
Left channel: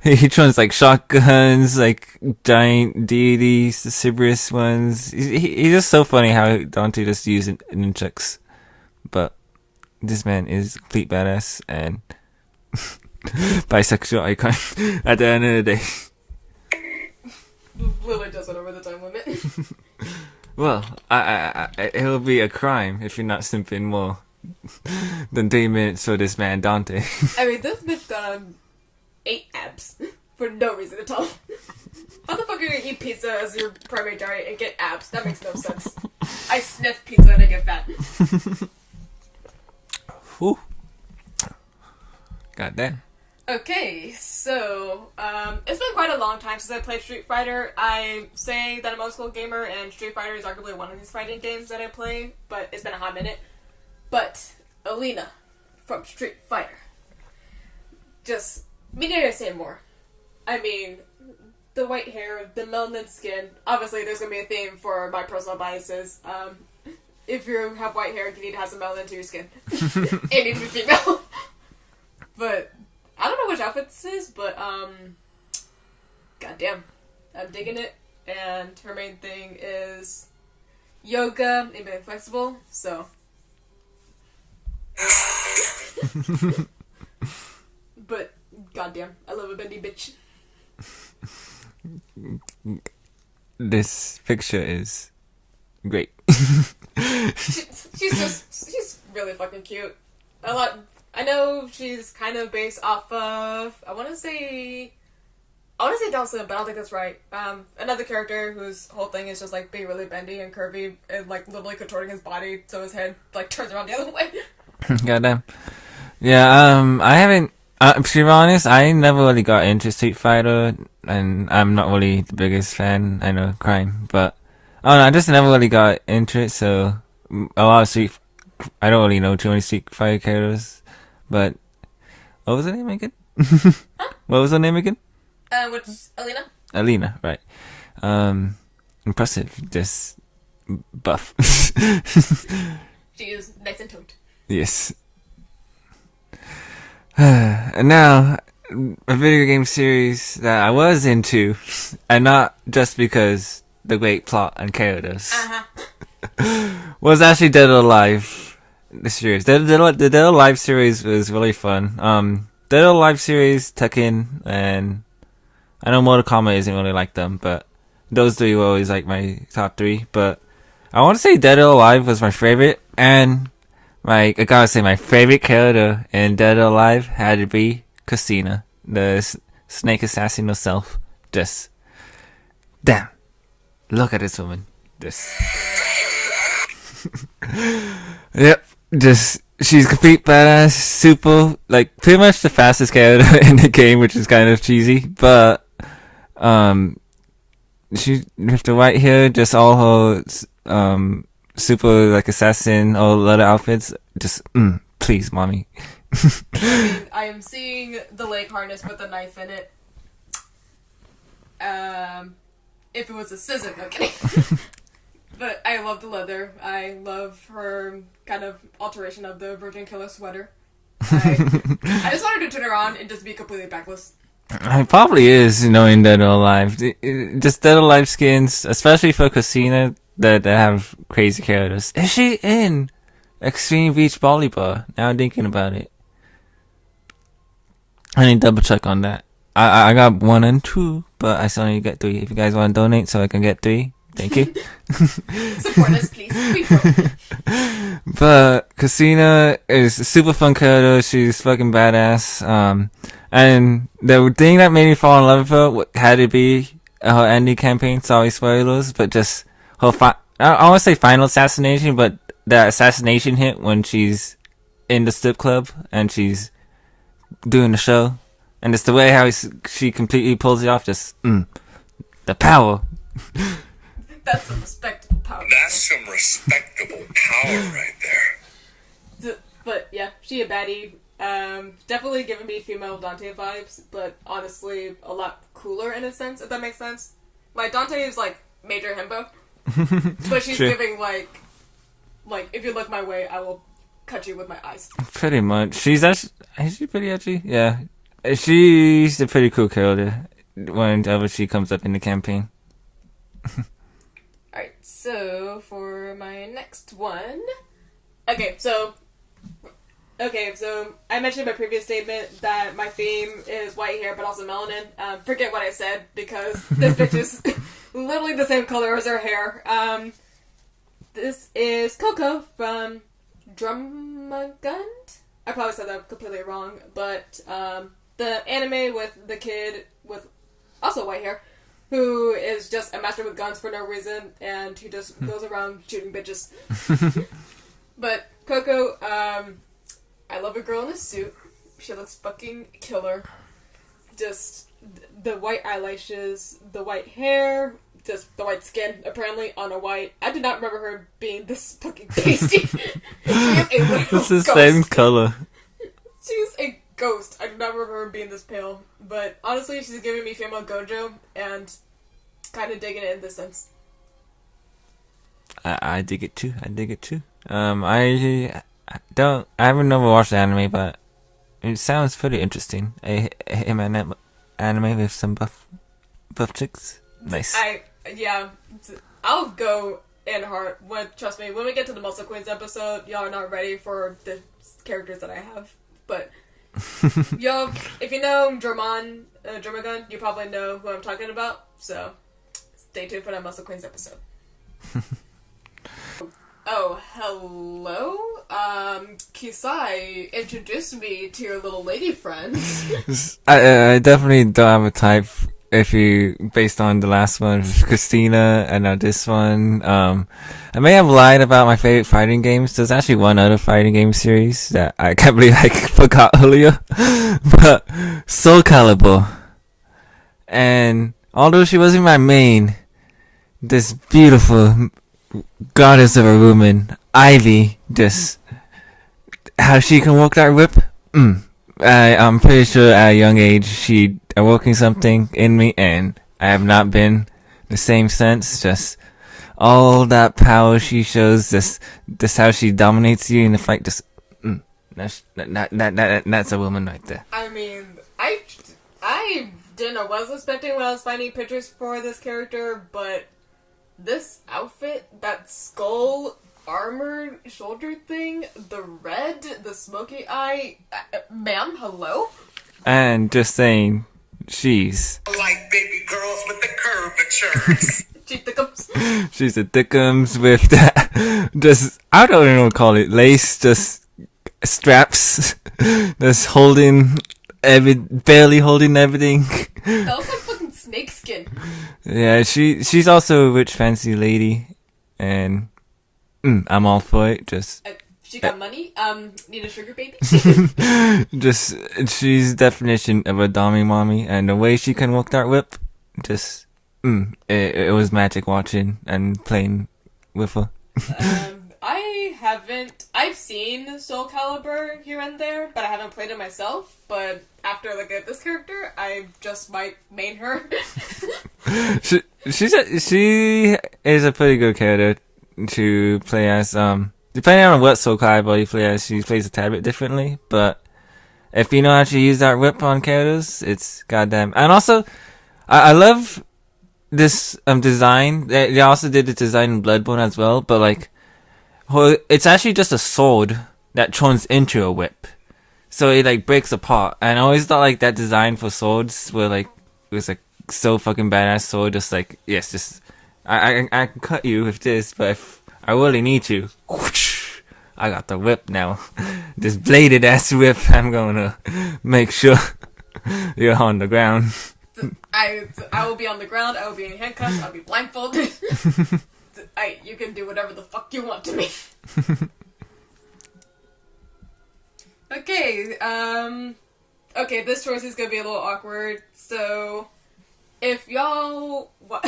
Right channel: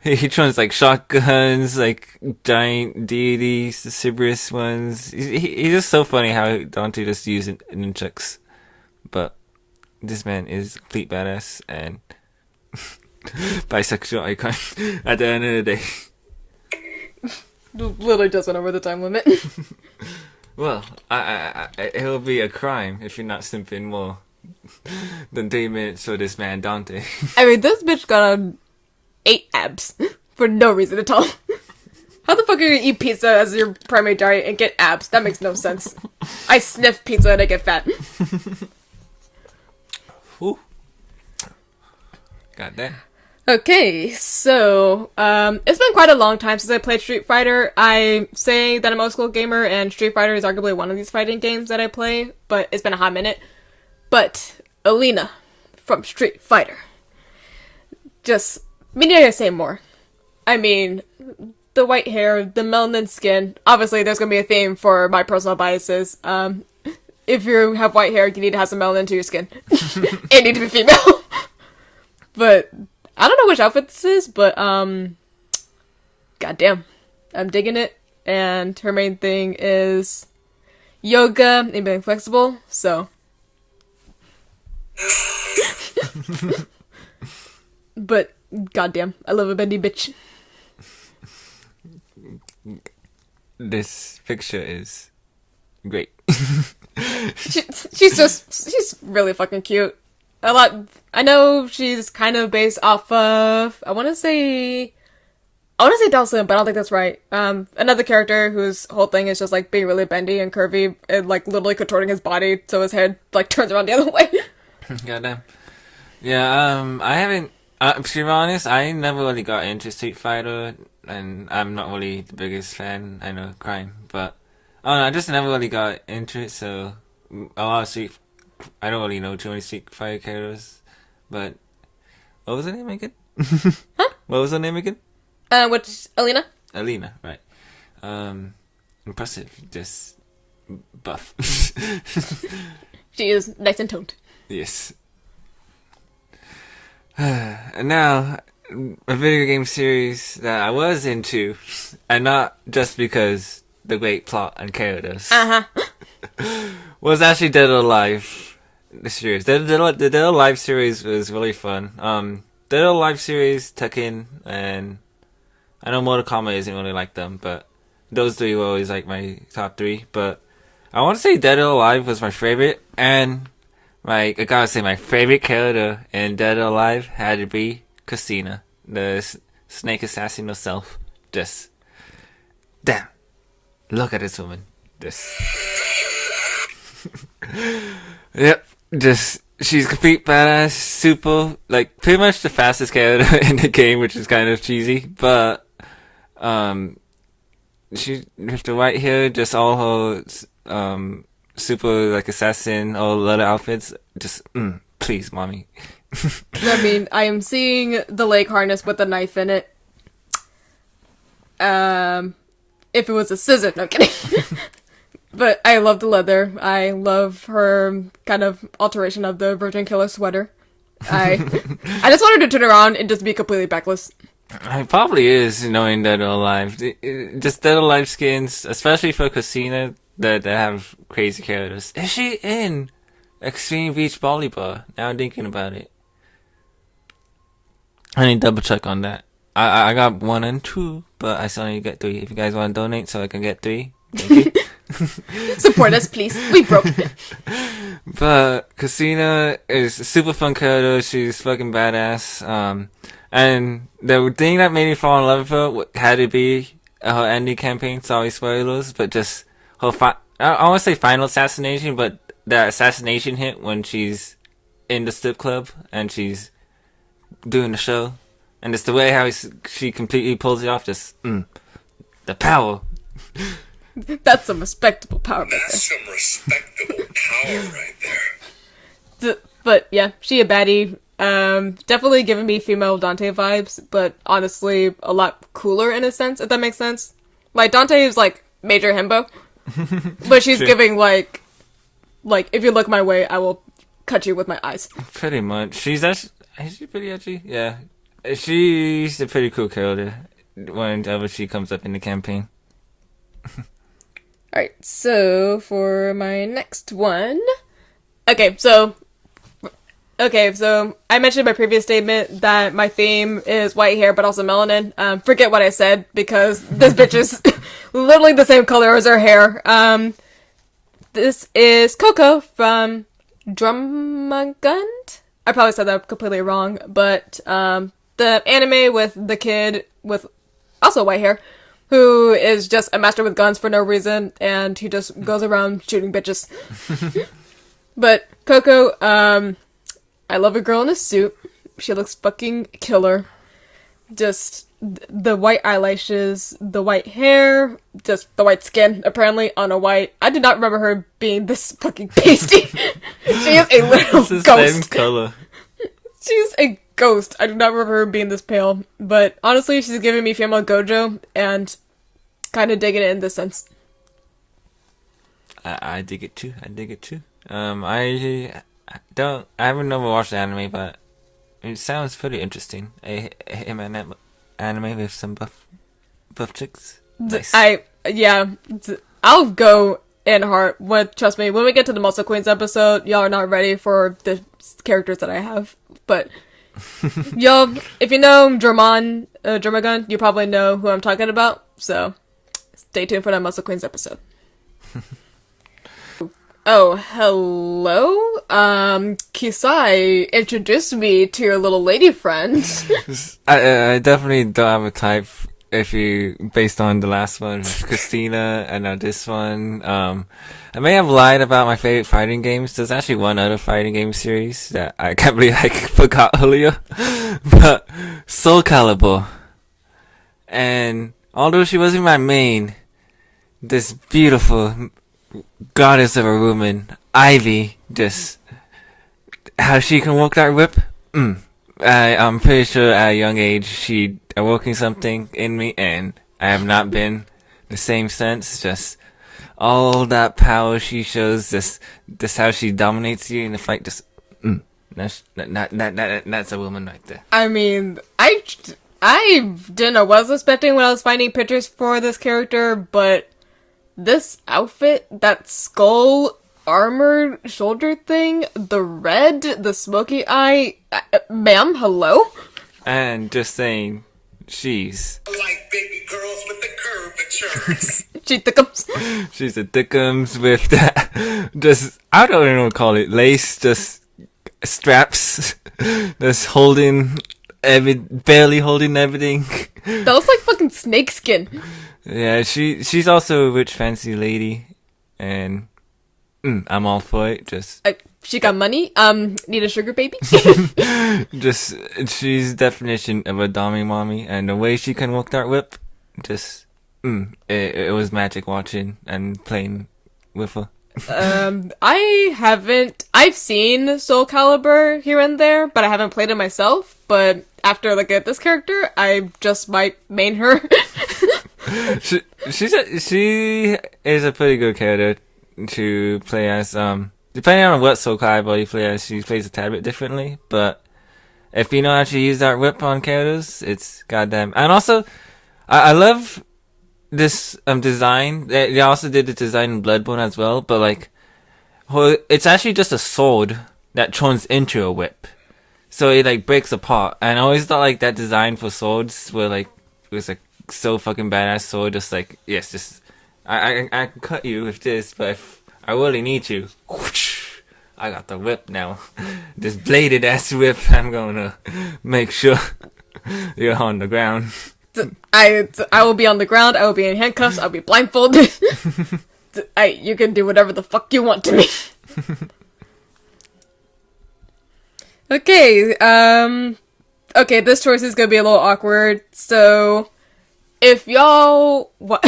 He turns like shotguns, like giant deities, the Cerberus ones. He's just so funny how Dante just uses nunchucks. But this man is a complete badass and bisexual icon at the end of the day. Literally just went over the time limit. Well, it'll be a crime if you're not simping more than 3 minutes for this man Dante. I mean, this bitch got on 8 abs for no reason at all. How the fuck are you gonna eat pizza as your primary diet and get abs? That makes no sense. I sniff pizza and I get fat. Whew. Goddamn. Okay, so, it's been quite a long time since I played Street Fighter. I say that I'm an old school gamer, and Street Fighter is arguably one of these fighting games that I play, but it's been a hot minute. But, Alina from Street Fighter. Just, we need to say more. I mean, the white hair, the melanin skin, obviously there's gonna be a theme for my personal biases. If you have white hair, you need to have some melanin to your skin. It needs to be female. But I don't know which outfit this is, but goddamn, I'm digging it. And her main thing is yoga and being flexible. So, but goddamn, I love a bendy bitch. This picture is great. She's really fucking cute. I know she's kind of based off of, I want to say Dawson, but I don't think that's right. Another character whose whole thing is just like being really bendy and curvy and like literally contorting his body so his head like turns around the other way. Goddamn. Yeah, I haven't, to be honest, I never really got into Street Fighter, and I'm not really the biggest fan. I know, crime, but I don't know, I just never really got into it, so a lot of I don't really know too many Street Fighter characters, but what was her name again? Huh? What was her name again? Which is Alina? Alina, right. Impressive, just buff. She is nice and toned. Yes. And now, a video game series that I was into, and not just because the great plot and characters. Uh-huh. Was actually Dead or Alive, the series. The Dead or Alive series was really fun. Dead or Alive series, Tekken, and I know Mortal Kombat isn't really like them, but those three were always like my top three. But I want to say Dead or Alive was my favorite, and I gotta say my favorite character in Dead or Alive had to be Christina, the snake assassin herself. Just, damn, look at this woman. Just, yep, just, she's complete badass, super, like, pretty much the fastest character in the game, which is kind of cheesy, but, she, with the white hair, just all her, super, like, assassin, or leather outfits, just, please, mommy. I mean, I am seeing the leg harness with the knife in it. If it was a scissor, no kidding. But I love the leather. I love her kind of alteration of the Virgin Killer sweater. I just wanted to turn around and just be completely backless. It probably is, knowing Dead or Alive. Just Dead or Alive skins, especially for Christina, that have crazy characters. Is she in Extreme Beach Volleyball? Now I'm thinking about it. I need to double check on that. I got 1 and 2, but I still need to get 3. If you guys want to donate so I can get 3, thank you. Support us, please. We broke. But Christina is a super fun character. She's fucking badass. And the thing that made me fall in love with her had to be her ending campaign. Sorry, spoilers, but just her I want to say final assassination, but the assassination hit when she's in the strip club and she's doing the show. And it's the way how she completely pulls it off. Just, the power. That's some respectable power. That's some respectable power right there. But yeah, she a baddie. Definitely giving me female Dante vibes, but honestly a lot cooler in a sense, if that makes sense. Like, Dante is like major himbo, but she's giving like if you look my way, I will cut you with my eyes. Pretty much. Is she pretty edgy? Yeah. She's a pretty cool character whenever she comes up in the campaign. Alright, so for my next one... Okay, so I mentioned in my previous statement that my theme is white hair, but also melanin. Forget what I said, because this bitch is literally the same color as her hair. This is Coco from Drumagund? I probably said that completely wrong, but the anime with the kid with also white hair, who is just a master with guns for no reason, and he just goes around shooting bitches. But Coco, I love a girl in a suit. She looks fucking killer. Just the white eyelashes, the white hair, just the white skin, apparently, on a white... I did not remember her being this fucking pasty. She is a little It's the ghost. same color. She's a ghost. I do not remember her being this pale. But honestly, she's giving me female Gojo, and kind of digging it in this sense. I dig it too. I haven't never watched the anime, but it sounds pretty interesting. A him anime with some buff chicks. Nice. I'll go in heart. Trust me, when we get to the Muscle Queens episode, y'all are not ready for the characters that I have. But y'all, if you know Drumagun, you probably know who I'm talking about. So stay tuned for that Muscle Queens episode. Oh, hello? Kisai introduced me to your little lady friend. I definitely don't have a type based on the last one, Christina, and now this one. I may have lied about my favorite fighting games. There's actually one other fighting game series that I can't believe I forgot earlier. But Soul Calibur. And although she wasn't my main, this beautiful goddess of a woman, Ivy, just how she can work that whip. I'm pretty sure at a young age she awoken something in me, and I have not been the same since. Just all that power she shows, just how she dominates you in the fight. Just that's a woman right there. I mean, I didn't know what I was expecting when I was finding pictures for this character, but this outfit, that skull armored shoulder thing, the red, the smoky eye, ma'am, hello? And just saying, she's Like baby girls with the curvatures. She thickums. she's a dickums with that. Just I don't even know what to call it. Lace, just straps, just holding barely holding everything. That looks like fucking snakeskin. Yeah, she's also a rich fancy lady, and I'm all for it. Just She got money. Need a sugar baby? just she's definition of a dommy mommy, and the way she can work that whip, just it was magic watching and playing with her. I've seen Soul Calibur here and there, but I haven't played it myself. But after looking at this character, I just might main her. she is a pretty good character to play as. Depending on what Soul Calibur you play as, she plays a tad bit differently. But if you know how to use that whip on characters, it's goddamn. And also, I love this design. They also did the design in Bloodborne as well. But like, it's actually just a sword that turns into a whip. So it like breaks apart. And I always thought like that design for swords were like, it was like so fucking badass sword. Just like, yes, just I can cut you with this, but if I really need you, whoosh, I got the whip now. This bladed ass whip. I'm gonna make sure you're on the ground. I will be on the ground. I will be in handcuffs. I'll be blindfolded. You can do whatever the fuck you want to me. Okay. Okay. This choice is gonna be a little awkward. So, if y'all, well,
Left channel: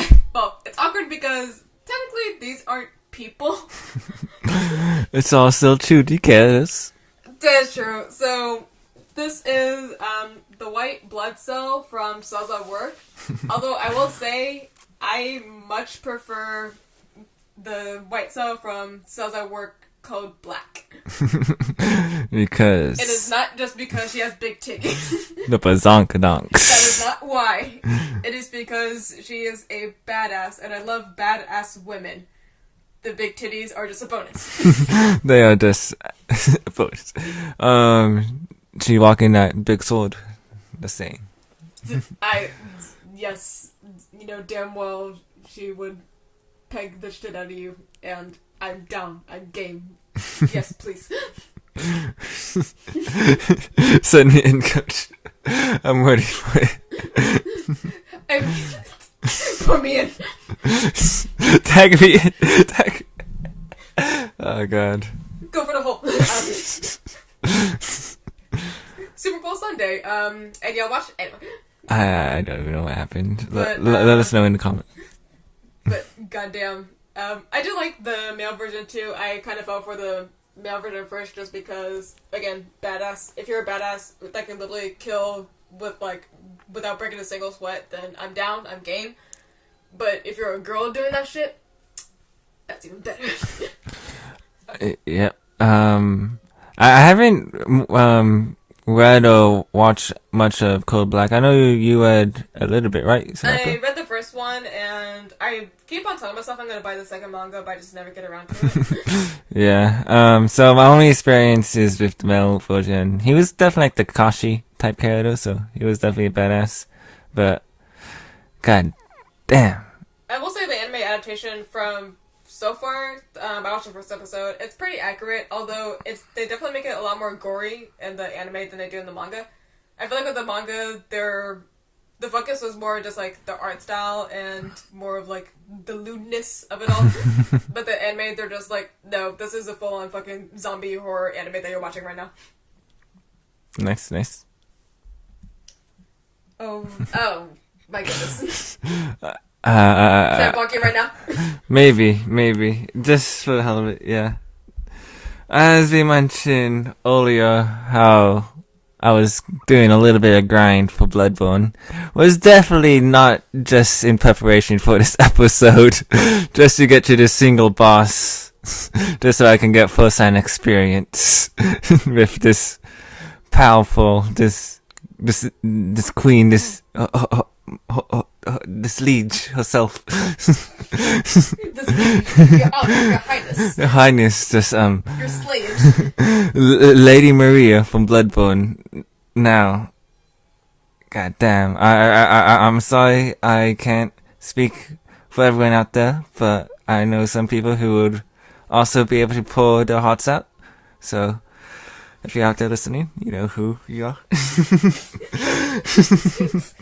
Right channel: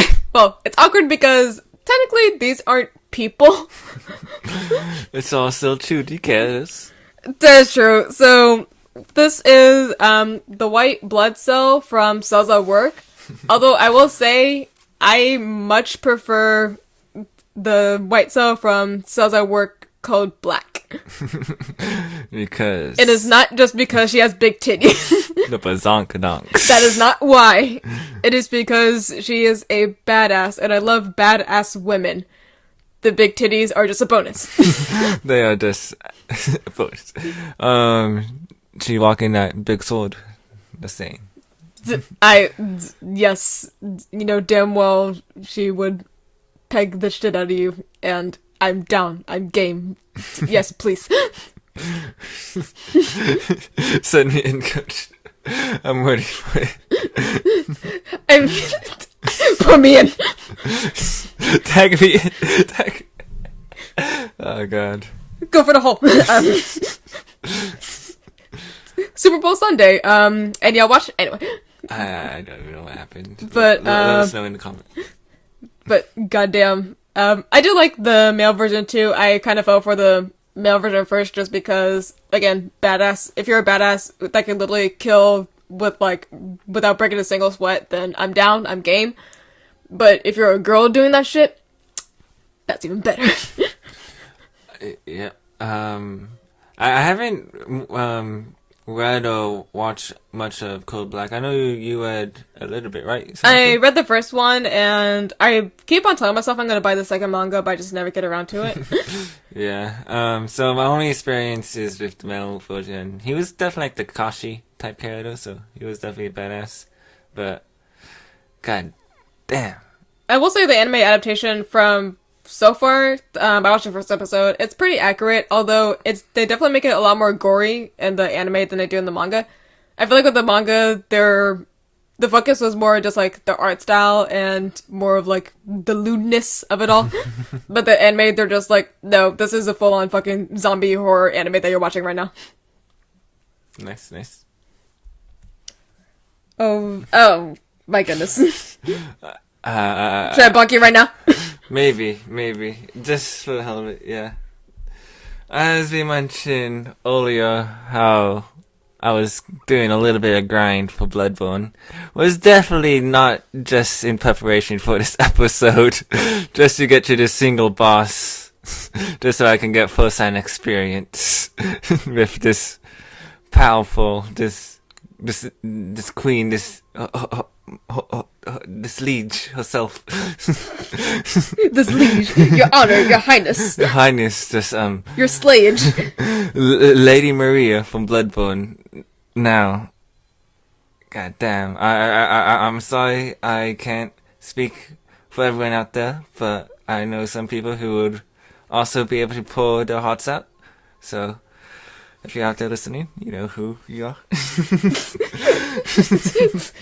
it's awkward because technically these aren't people. It's all still 2D characters. That's true. So this is the white blood cell from Cells at Work. Although I will say I much prefer the white cell from Cells at Work called Black. Because it is not just because she has big titties. The bazonkadonks. That is not why. It is because she is a badass, and I love badass women. The big titties are just a bonus. They are just a bonus. She walking that big sword. The same. Yes, you know damn well she would peg the shit out of you, and I'm down. I'm game. Yes, please. Send me in, coach. I'm ready for it. I mean, put me in. Tag me in. Tag. Oh god. Go for the hole. Super Bowl Sunday. And y'all watch it anyway. I don't even know what happened. But let us know in the comments. But goddamn, I do like the male version too. I kind of fell for the male version first just because, again, badass. If you're a badass that can literally kill with like without breaking a single sweat, then I'm down. I'm game. But if you're a girl doing that shit, that's even better. Yeah. I haven't read or watched much of Code Black. I know you read a little bit, right? I read the first one, and I keep on telling myself I'm gonna buy the second manga, but I just never get around to it. Yeah. So my only experience is with the male version. He was definitely like the Kakashi type character, so he was definitely a badass. But god damn. I will say the anime adaptation from so far, I watched the first episode. It's pretty accurate, although they definitely make it a lot more gory in the anime than they do in the manga. I feel like with the manga, the focus was more just like the art style and more of like the lewdness of it all. But the anime, they're just like, no, this is a full-on fucking zombie horror anime that you're watching right now. Nice. Oh, my goodness. Should I block you right now? Maybe. Just for the hell of it, yeah. As we mentioned earlier, how I was doing a little bit of grind for Bloodborne was definitely not just in preparation for this episode, just to get to this single boss, just so I can get first-hand experience with this powerful, this queen, this this liege herself. This liege, your honor, your highness, Your Highness, just your slayage. Lady Maria from Bloodborne. Now, god damn, I'm sorry I can't speak for everyone out there, but I know some people who would also be able to pour their hearts out. So, if you're out there listening, you know who you are.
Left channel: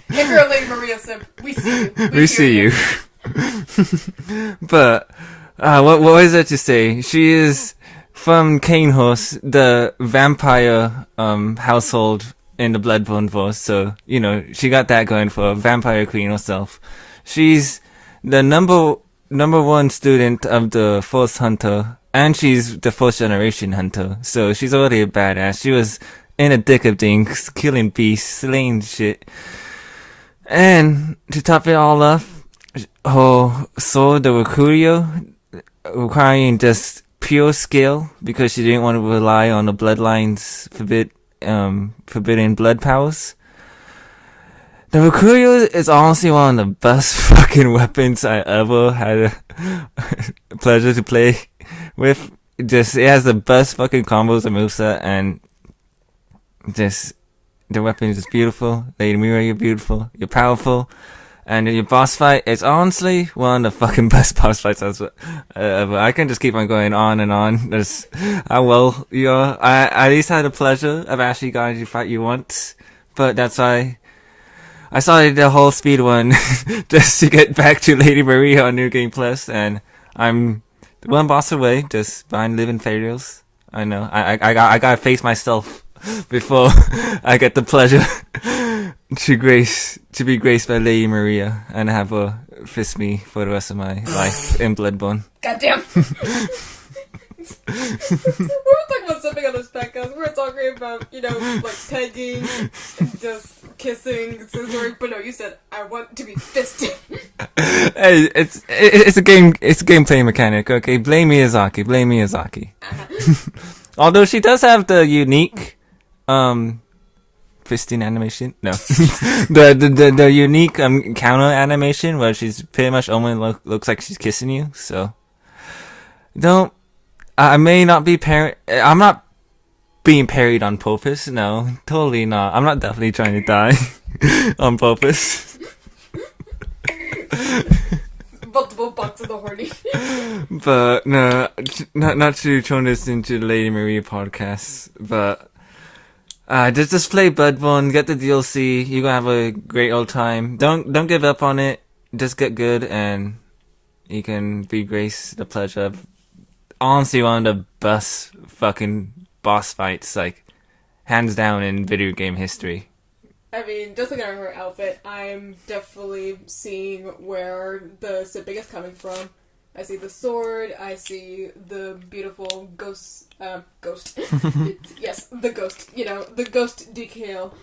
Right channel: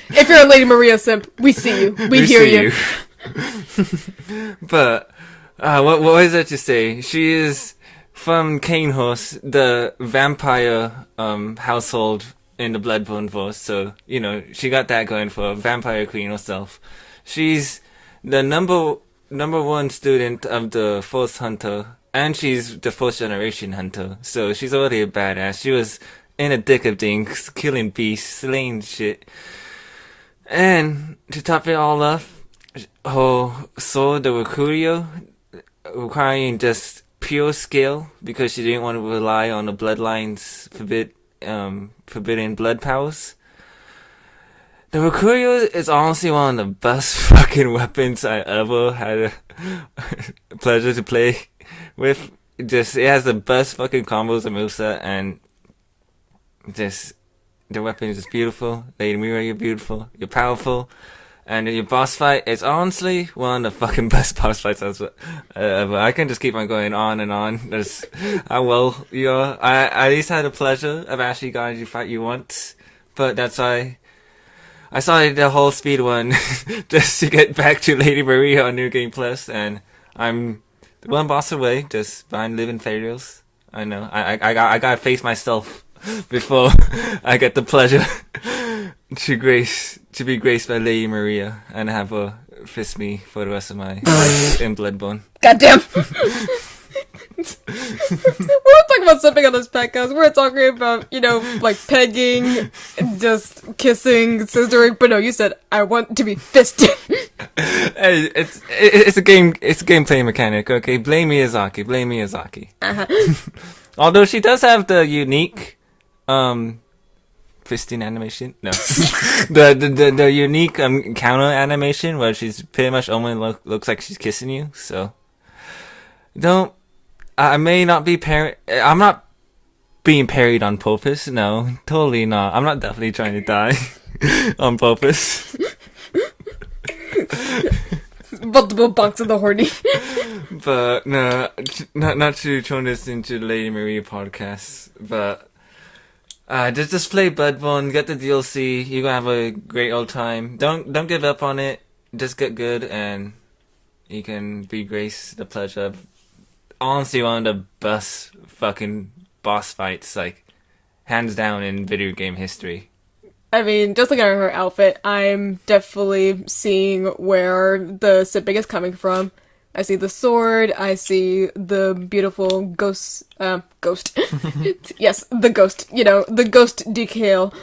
If you're a Lady Maria simp, we see you. We hear see you. But what was that to say? She is from Kanehorse, the vampire household in the Bloodborne Force. So you know she got that going for her, vampire queen herself. She's the number one student of the Force Hunter, and she's the first generation hunter. So she's already a badass. She was in a thick of things, killing beasts, slaying shit. And to top it all off, her sword, the Recurio, requiring just pure skill because she didn't want to rely on the bloodline's forbidden blood powers. The Recurio is honestly one of the best fucking weapons I ever had a pleasure to play with. Just, it has the best fucking combos and moveset, and just, the weapon is just beautiful. Lady Mira, you're beautiful, you're powerful, and your boss fight is honestly one of the fucking best boss fights ever. I can just keep on going on and on. That's how well you are. I at least had the pleasure of actually getting you fight you once, but that's why I started the whole speed one just to get back to Lady Maria on New Game Plus, and I'm one boss away, just behind living failures. I know. I gotta face myself before I get the pleasure to be graced by Lady Maria and have her fist me for the rest of my life in Bloodborne. Goddamn. We're not talking about something on this podcast. We're talking about, like pegging, just kissing, scissoring. But no, you said I want to be fisted. Hey, it's a gameplay mechanic. Okay, blame Miyazaki. Uh-huh. Although she does have the unique, fisting animation. No, the unique counter animation where she's pretty much only looks like she's kissing you. So don't. I may not be I'm not being parried on purpose. No, totally not. I'm not definitely trying to die on purpose. Multiple bunks in the horny. But no, not to turn this into the Lady Maria podcast. But just play Bloodborne, get the DLC. You're gonna have a great old time. Don't give up on it. Just get good, and you can be graced the pleasure of honestly one of the best fucking boss fights, like hands down in video game history. I mean, just looking at her outfit, I'm definitely seeing where the simping is coming from. I see the sword, I see the beautiful ghost. Yes, the ghost, the ghost decal.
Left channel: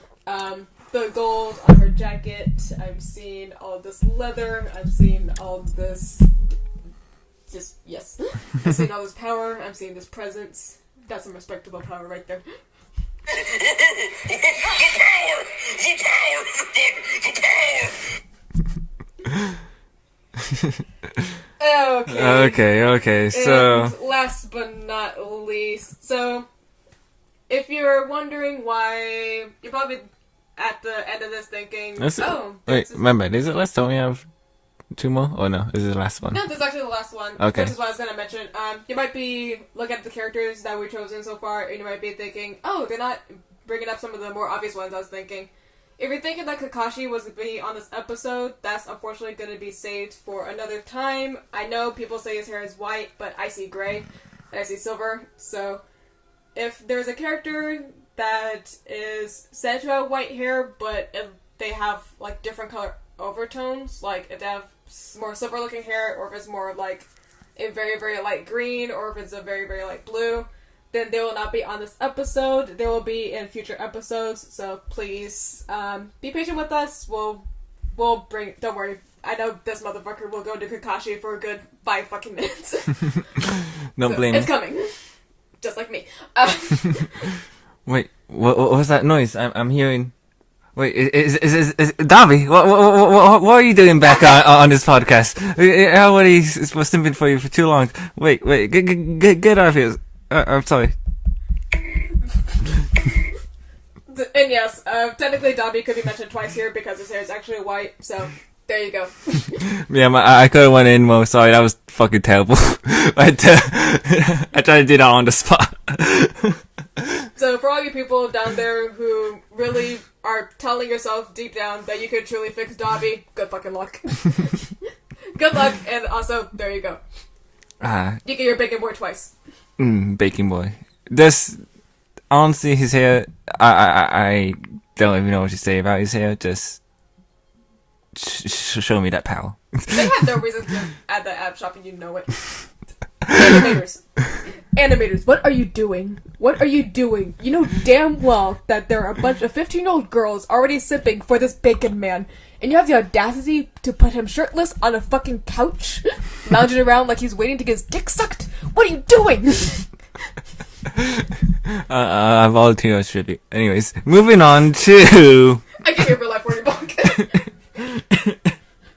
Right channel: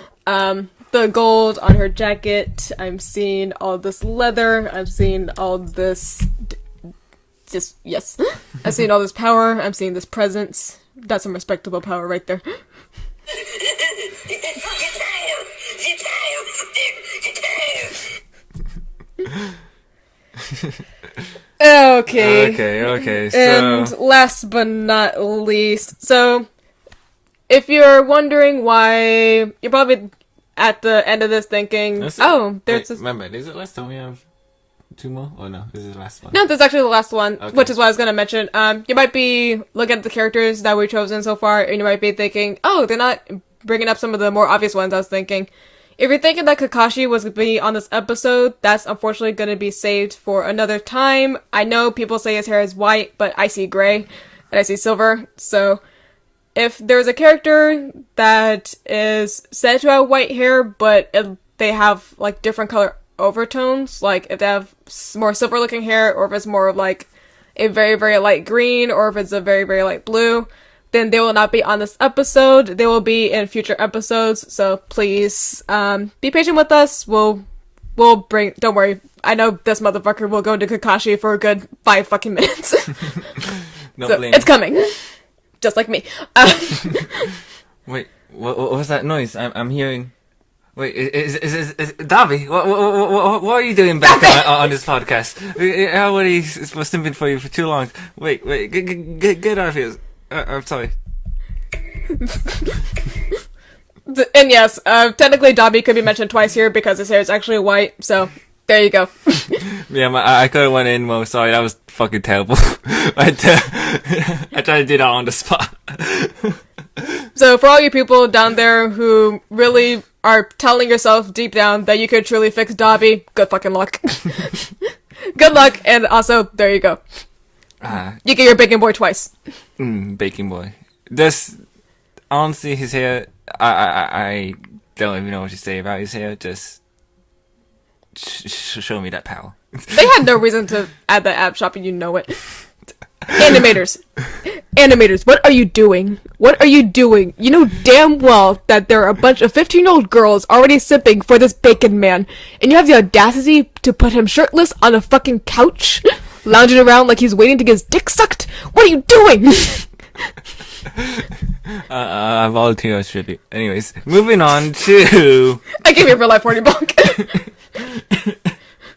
The gold on her jacket, I'm seeing all this leather, I'm seeing all this yes. I'm seeing all this power. I'm seeing this presence. That's some respectable power right there. The power! Okay. So And last but not least, so if you're wondering why, you're probably at the end of this thinking, remember, is it last time we have 2 more? Oh no, this is the last one. No, this is actually the last one, Okay. which is what I was going to mention. You might be looking at the characters that we've chosen so far, and you might be thinking, oh, they're not bringing up some of the more obvious ones I was thinking. If you're thinking that Kakashi was going to be on this episode, that's unfortunately going to be saved for another time. I know people say his hair is white, but I see gray, and I see silver, so if there's a character that is said to have white hair, but they have, like, different color overtones, like if they have more silver looking hair, or if it's more of like a very, very light green, or if it's a very, very light blue, then they will not be on this episode. They will be in future episodes, so please be patient with us. We'll bring, don't worry, I know this motherfucker will go into Kakashi for a good 5 fucking minutes. Don't So, blame it's coming. Just like me. Wait, what was that noise? I'm hearing. Wait, is Dobby? What are you doing back on this podcast? Everybody's was simping for you for too long. Wait, get out of here. I'm sorry. And yes, technically Dobby could be mentioned twice here because his hair is actually white, so there you go. Yeah, I could have went in more. Sorry, that was fucking terrible. I tried to do that on the spot. So for all you people down there who really are telling yourself deep down that you could truly fix Dobby, good fucking luck. Good luck, and also, there you go. You get your bacon boy twice. Baking boy. This, honestly, his hair, I don't even know what to say about his hair. Just show me that power. They had no reason to add that app shop, and you know it. Animators, what are you doing? What are you doing? You know damn well that there are a bunch of 15-year-old girls already sipping for this bacon man, and you have the audacity to put him shirtless on a fucking couch, lounging around like he's waiting to get his dick sucked? What are you doing? I volunteer as tribute. Anyways, moving on to... I gave you a real life 40 buck.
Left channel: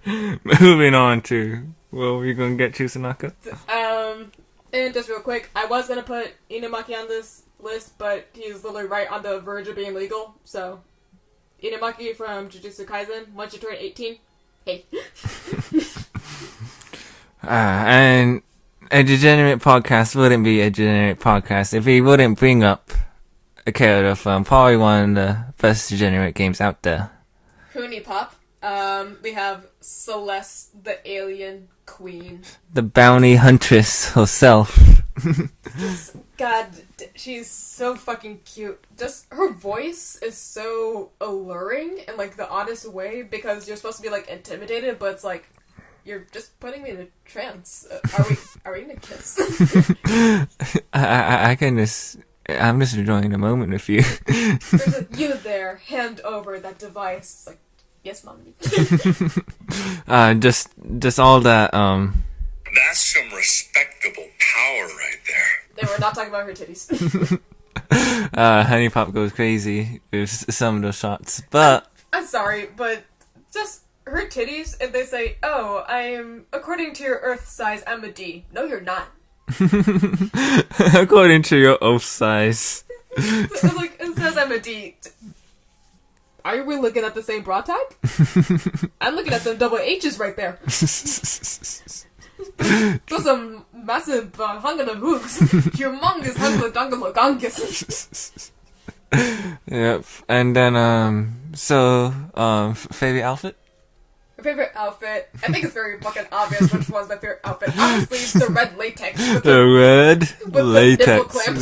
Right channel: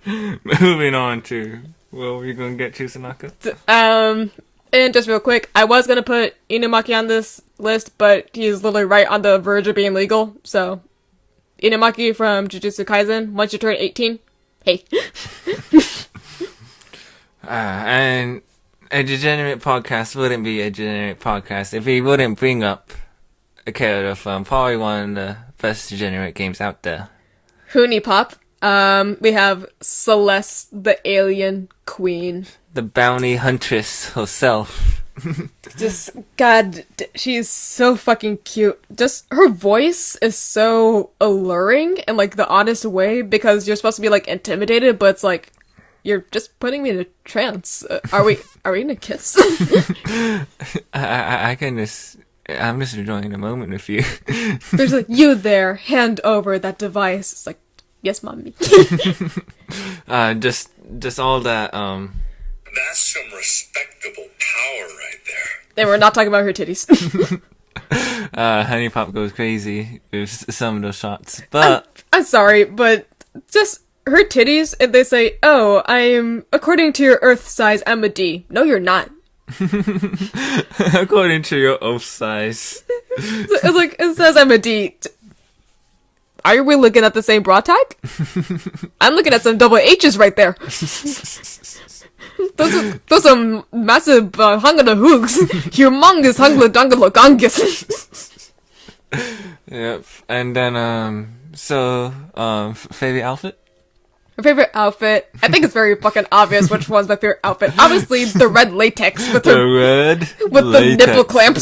Moving on to... What were you gonna get to, Sanaka? And just real quick, I was gonna put Inumaki on this list, but he's literally right on the verge of being legal, so... Inumaki from Jujutsu Kaisen, once you turn 18, hey. And a degenerate podcast wouldn't be a degenerate podcast if he wouldn't bring up a character from probably one of the best degenerate games out there. Hoonie Pop. We have Celeste, the alien queen. The bounty huntress herself. Just, God, she's so fucking cute. Just, her voice is so alluring in, like, the oddest way, because you're supposed to be, like, intimidated, but it's like, you're just putting me in a trance. Are we gonna kiss? I'm just enjoying the moment with you. There's like, you there, hand over that device. It's like, yes, mommy. just all that, That's some respectable power right there. And we're not talking about her titties. Honey Pop goes crazy with some of those shots, but... I'm sorry, but just her titties, and they say, oh, I'm, according to your Earth size, I'm a D. No, you're not. According to your Earth size. It's like, it says I'm a D. Are we looking at the same bra tag? I'm looking at some double H's right there. Those are massive hungala hoogs. Humongous hungala dungala gongus. Yep. And then, favorite outfit? My favorite outfit, I think it's very fucking obvious which one's my favorite outfit. Obviously, the red latex with the red with latex. The nipple clamps.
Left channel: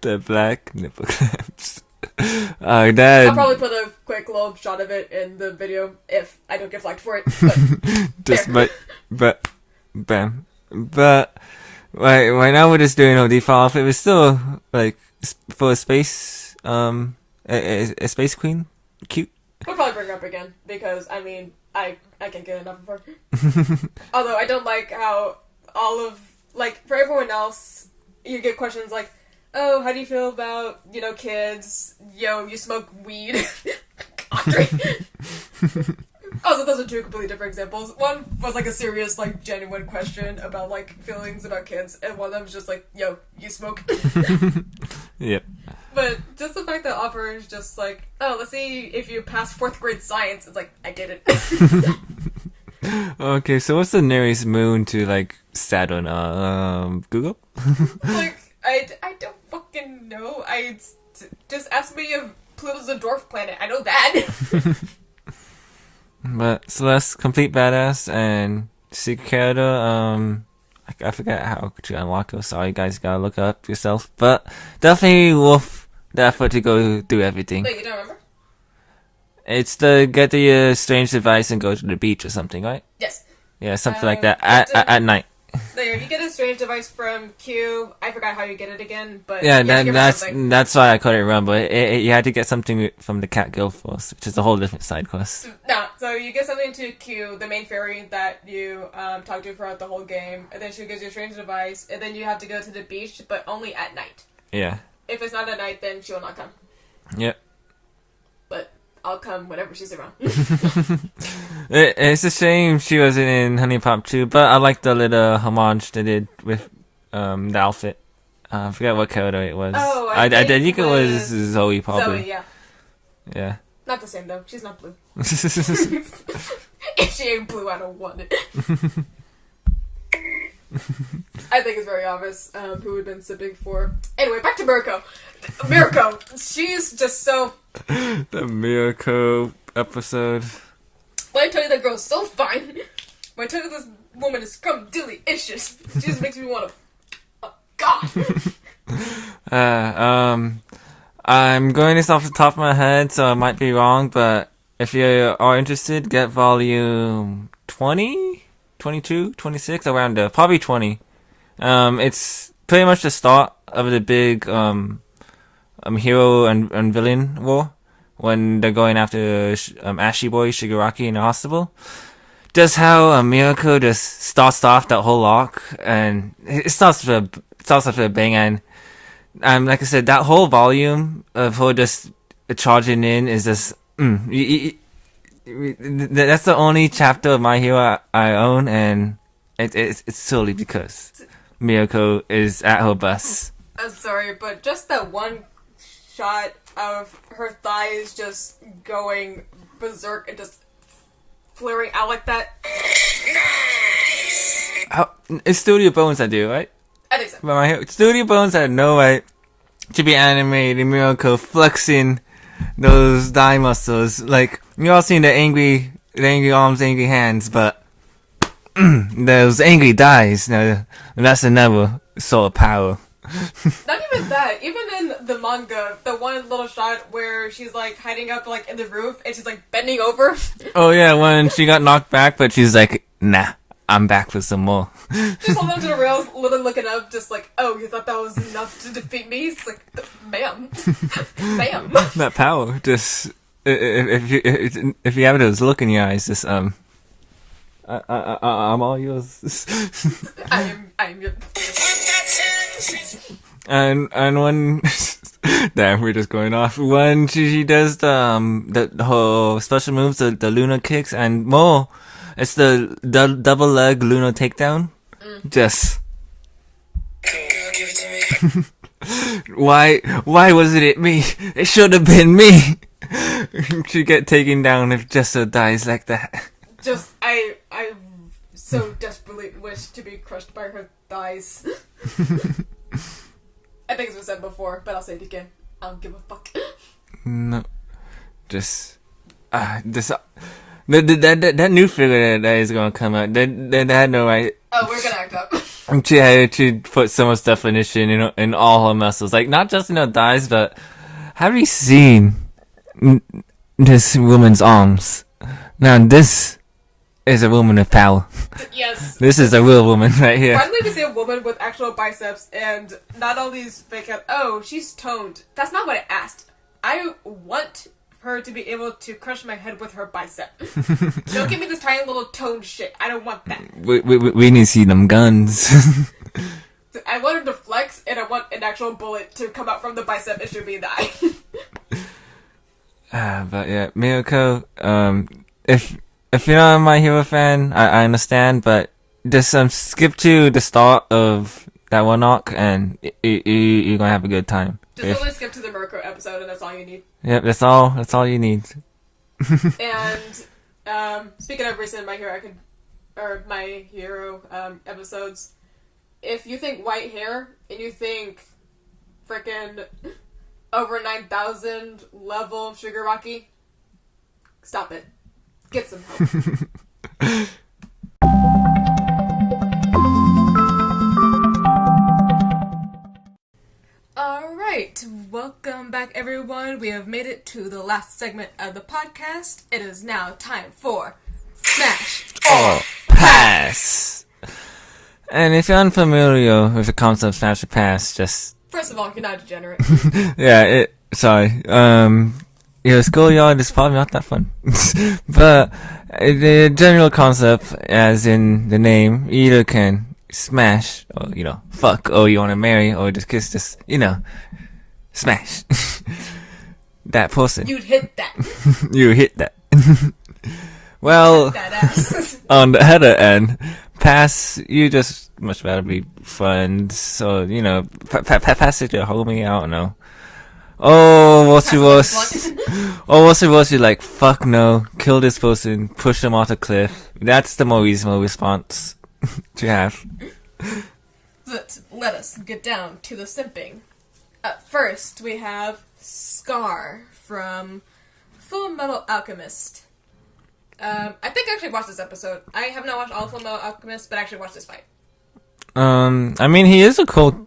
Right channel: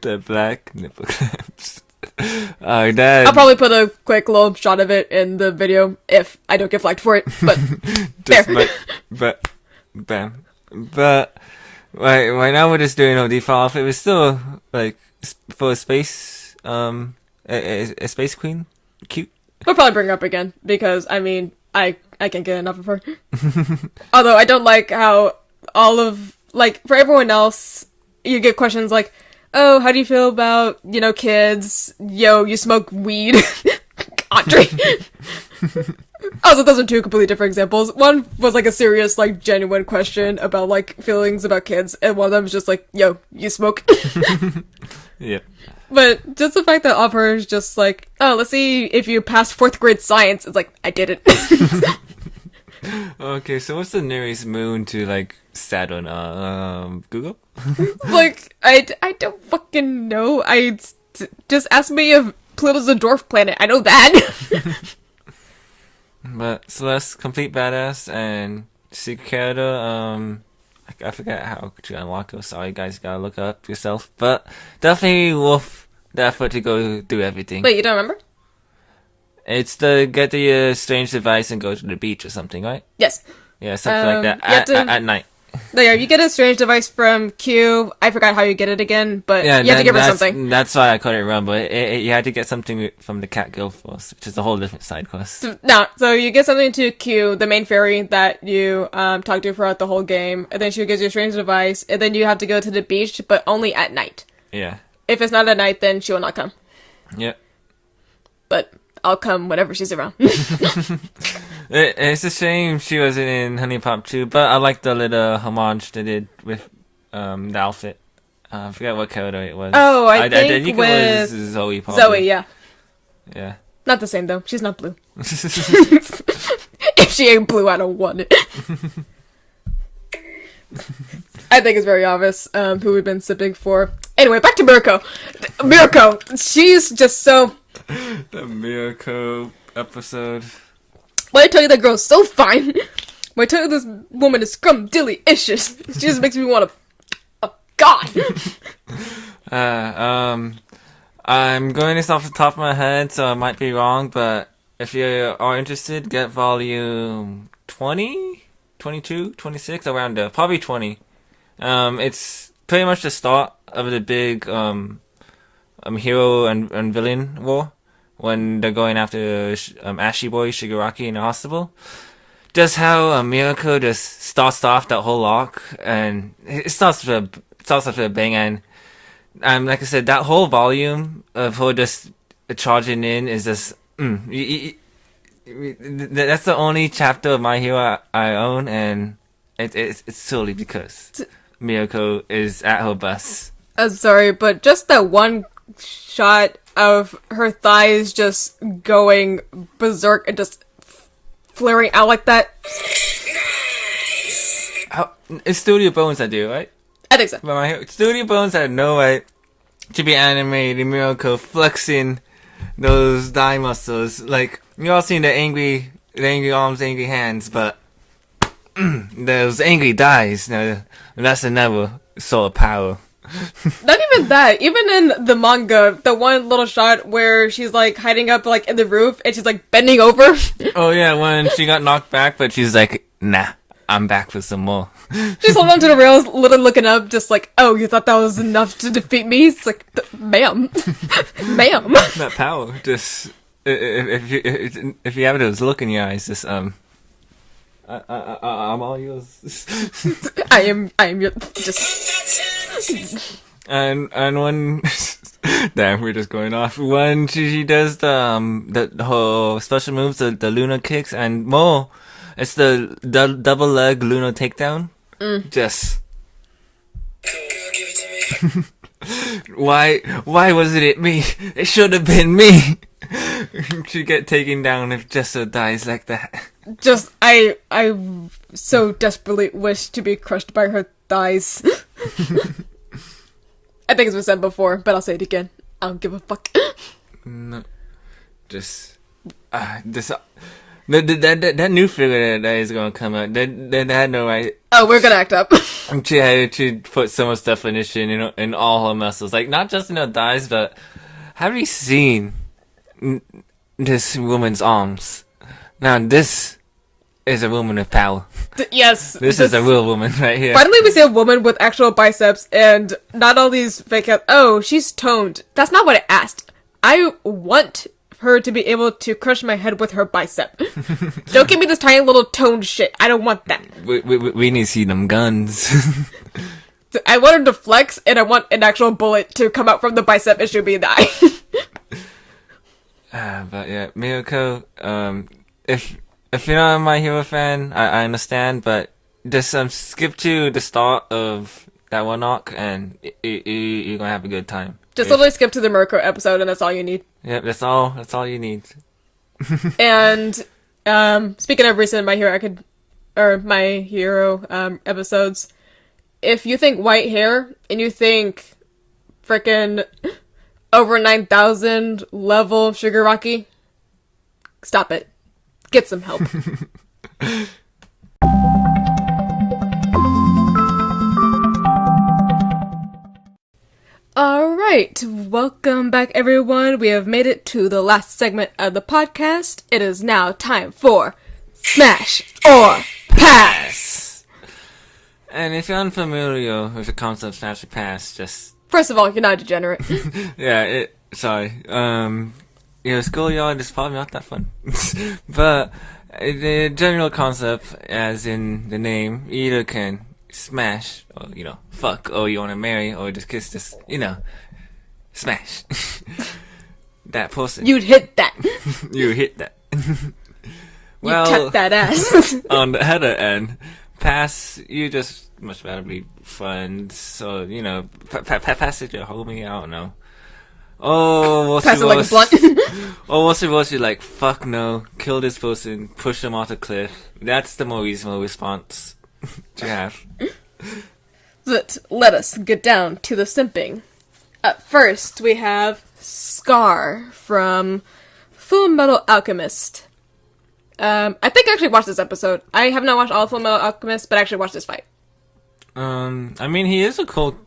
The black nipple clamps. I'll probably put a quick little shot of it in the video if I don't get flagged for it. But just there. Bam. But right now we're just doing a default outfit. It was still like for a space a space queen, cute. We'll probably bring her up again because I mean I can't get enough of her. Although I don't like how all of like for everyone else you get questions like, oh, how do you feel about, you know, kids? Yo, you smoke weed. Andre. Also, those are two completely different examples. One was like a serious, like, genuine question about, like, feelings about kids, and one of them was just like, yo, you smoke? Yep. But just the fact that all of her is just like, oh, let's see if you passed 4th grade science. It's like, I did it. Okay, so what's the nearest moon to, like, Saturn? Google? Like, I don't fucking know. Just ask me if Pluto's a dwarf planet. I know that. But Celeste, complete badass, and secret character, I forget how could you unlock it. Sorry, guys, gotta look up yourself. But definitely worth the effort to go do everything. Wait, you don't remember? It's the get the strange device and go to the beach or something, right? Yes. Yeah, something like that at night. No, yeah, you get a strange device from Q. I forgot how you get it again, but yeah, you have to give her something. That's why I couldn't remember. You had to get something from the Cat Guild Force, which is a whole different side quest. No, so you get something to Q, the main fairy that you talk to throughout the whole game, and then she gives you a strange device, and then you have to go to the beach, but only at night. Yeah. If it's not at night, then she will not come. Yep. But I'll come whenever she's around. It's a shame she wasn't in Honey Pop 2, but I like the little homage they did with the outfit. I forget what character it was. Oh, I think it was Zoe, probably. Zoe, yeah. Yeah. Not the same, though. She's not blue. If she ain't blue, I don't want it. I think it's very obvious who we've been sipping for. Anyway, back to Mirko. Mirko, she's just so... The Mirko episode. When I tell you that girl's so fine, when I tell you this woman is scrum-dilly-icious, she just makes me want to... Oh, God! I'm going this off the top of my head, so I might be wrong, but if you are interested, get volume 20, 22, 26, around there. Probably 20. It's pretty much the start of the big hero and villain war when they're going after Ashy Boy Shigaraki in the hospital. Just how Mirko just starts off that whole arc, and it starts off with a bang, and like I said, that whole volume of her just charging in is just that's the only chapter of My Hero I own, and it's solely because Mirko is at her best. I'm sorry, but just that one shot of her thighs just going berserk and just flaring out like that. It's Studio Bones that do, right? I think so. But Studio Bones had no right to be animating Mirko flexing those thigh muscles. Like, you all seen the angry arms, angry hands, but those angry thighs, that's another sort of power. Not even that. Even in the manga, the one little shot where she's like hiding up like in the roof and she's like bending over. Oh yeah, when she got knocked back, but she's like, nah, I'm back for some more. She's holding onto the rails, literally looking up, just like, oh, you thought that was enough to defeat me? It's like, ma'am. Ma'am. That power, just, if you have those look in your eyes, just, I'm all yours. I am your, just... And when, damn, we're just going off. When she does the whole special moves, the Luna kicks, and more, it's the double leg Luna takedown. Just. Give it to me. Why wasn't it me? It should have been me. To get taken down if Jessa dies like that. Just, I so desperately wish to be crushed by her thighs. I think it's been said before, but I'll say it again. I don't give a fuck. No. Just. That new figure that is gonna come out, that had no right. Oh, we're gonna act up. She had to put so much definition in all her muscles, like not just in her thighs, but have you seen this woman's arms? Now this is a woman of power. Yes. This is a real woman right here. Finally, we see a woman with actual biceps and not all these fake out. Oh, she's toned. That's not what I asked. I want her to be able to crush my head with her bicep. Don't give me this tiny little toned shit. I don't want that. We need to see them guns. I want her to flex, and I want an actual bullet to come out from the bicep and shoot me in the eye. But yeah, Mirko, if you're not a My Hero fan, I understand, but just skip to the start of that one arc, and you're gonna have a good time. Just literally skip to the Mirko episode, and that's all you need. Yep, that's all you need. And speaking of recent My Hero episodes, if you think white hair and you think frickin' over 9,000 level Shigaraki, stop it. Get some help. Alright, welcome back everyone. We have made it to the last segment of the podcast. It is now time for Smash or Pass! And if you're unfamiliar with the concept of Smash or Pass, just... First of all, you're not a degenerate. Yeah, sorry. Schoolyard is probably not that fun. But the general concept, as in the name, you either can smash, or, fuck, or you want to marry, or just kiss, smash. that person. You'd hit that. You hit that. You Well, cut that ass. on the other end, pass, you just much rather be friends. So, you know, pass it your homie, I don't know. Oh, what's Pass it it like a was? blunt. Oh, what's it was? You're like, fuck no, kill this person, push them off the cliff. That's the more reasonable response to have. But let us get down to the simping. Up first, we have Scar from Full Metal Alchemist. I think I actually watched this episode. I have not watched all of Full Metal Alchemist, but I actually watched this fight. I mean, he is a cool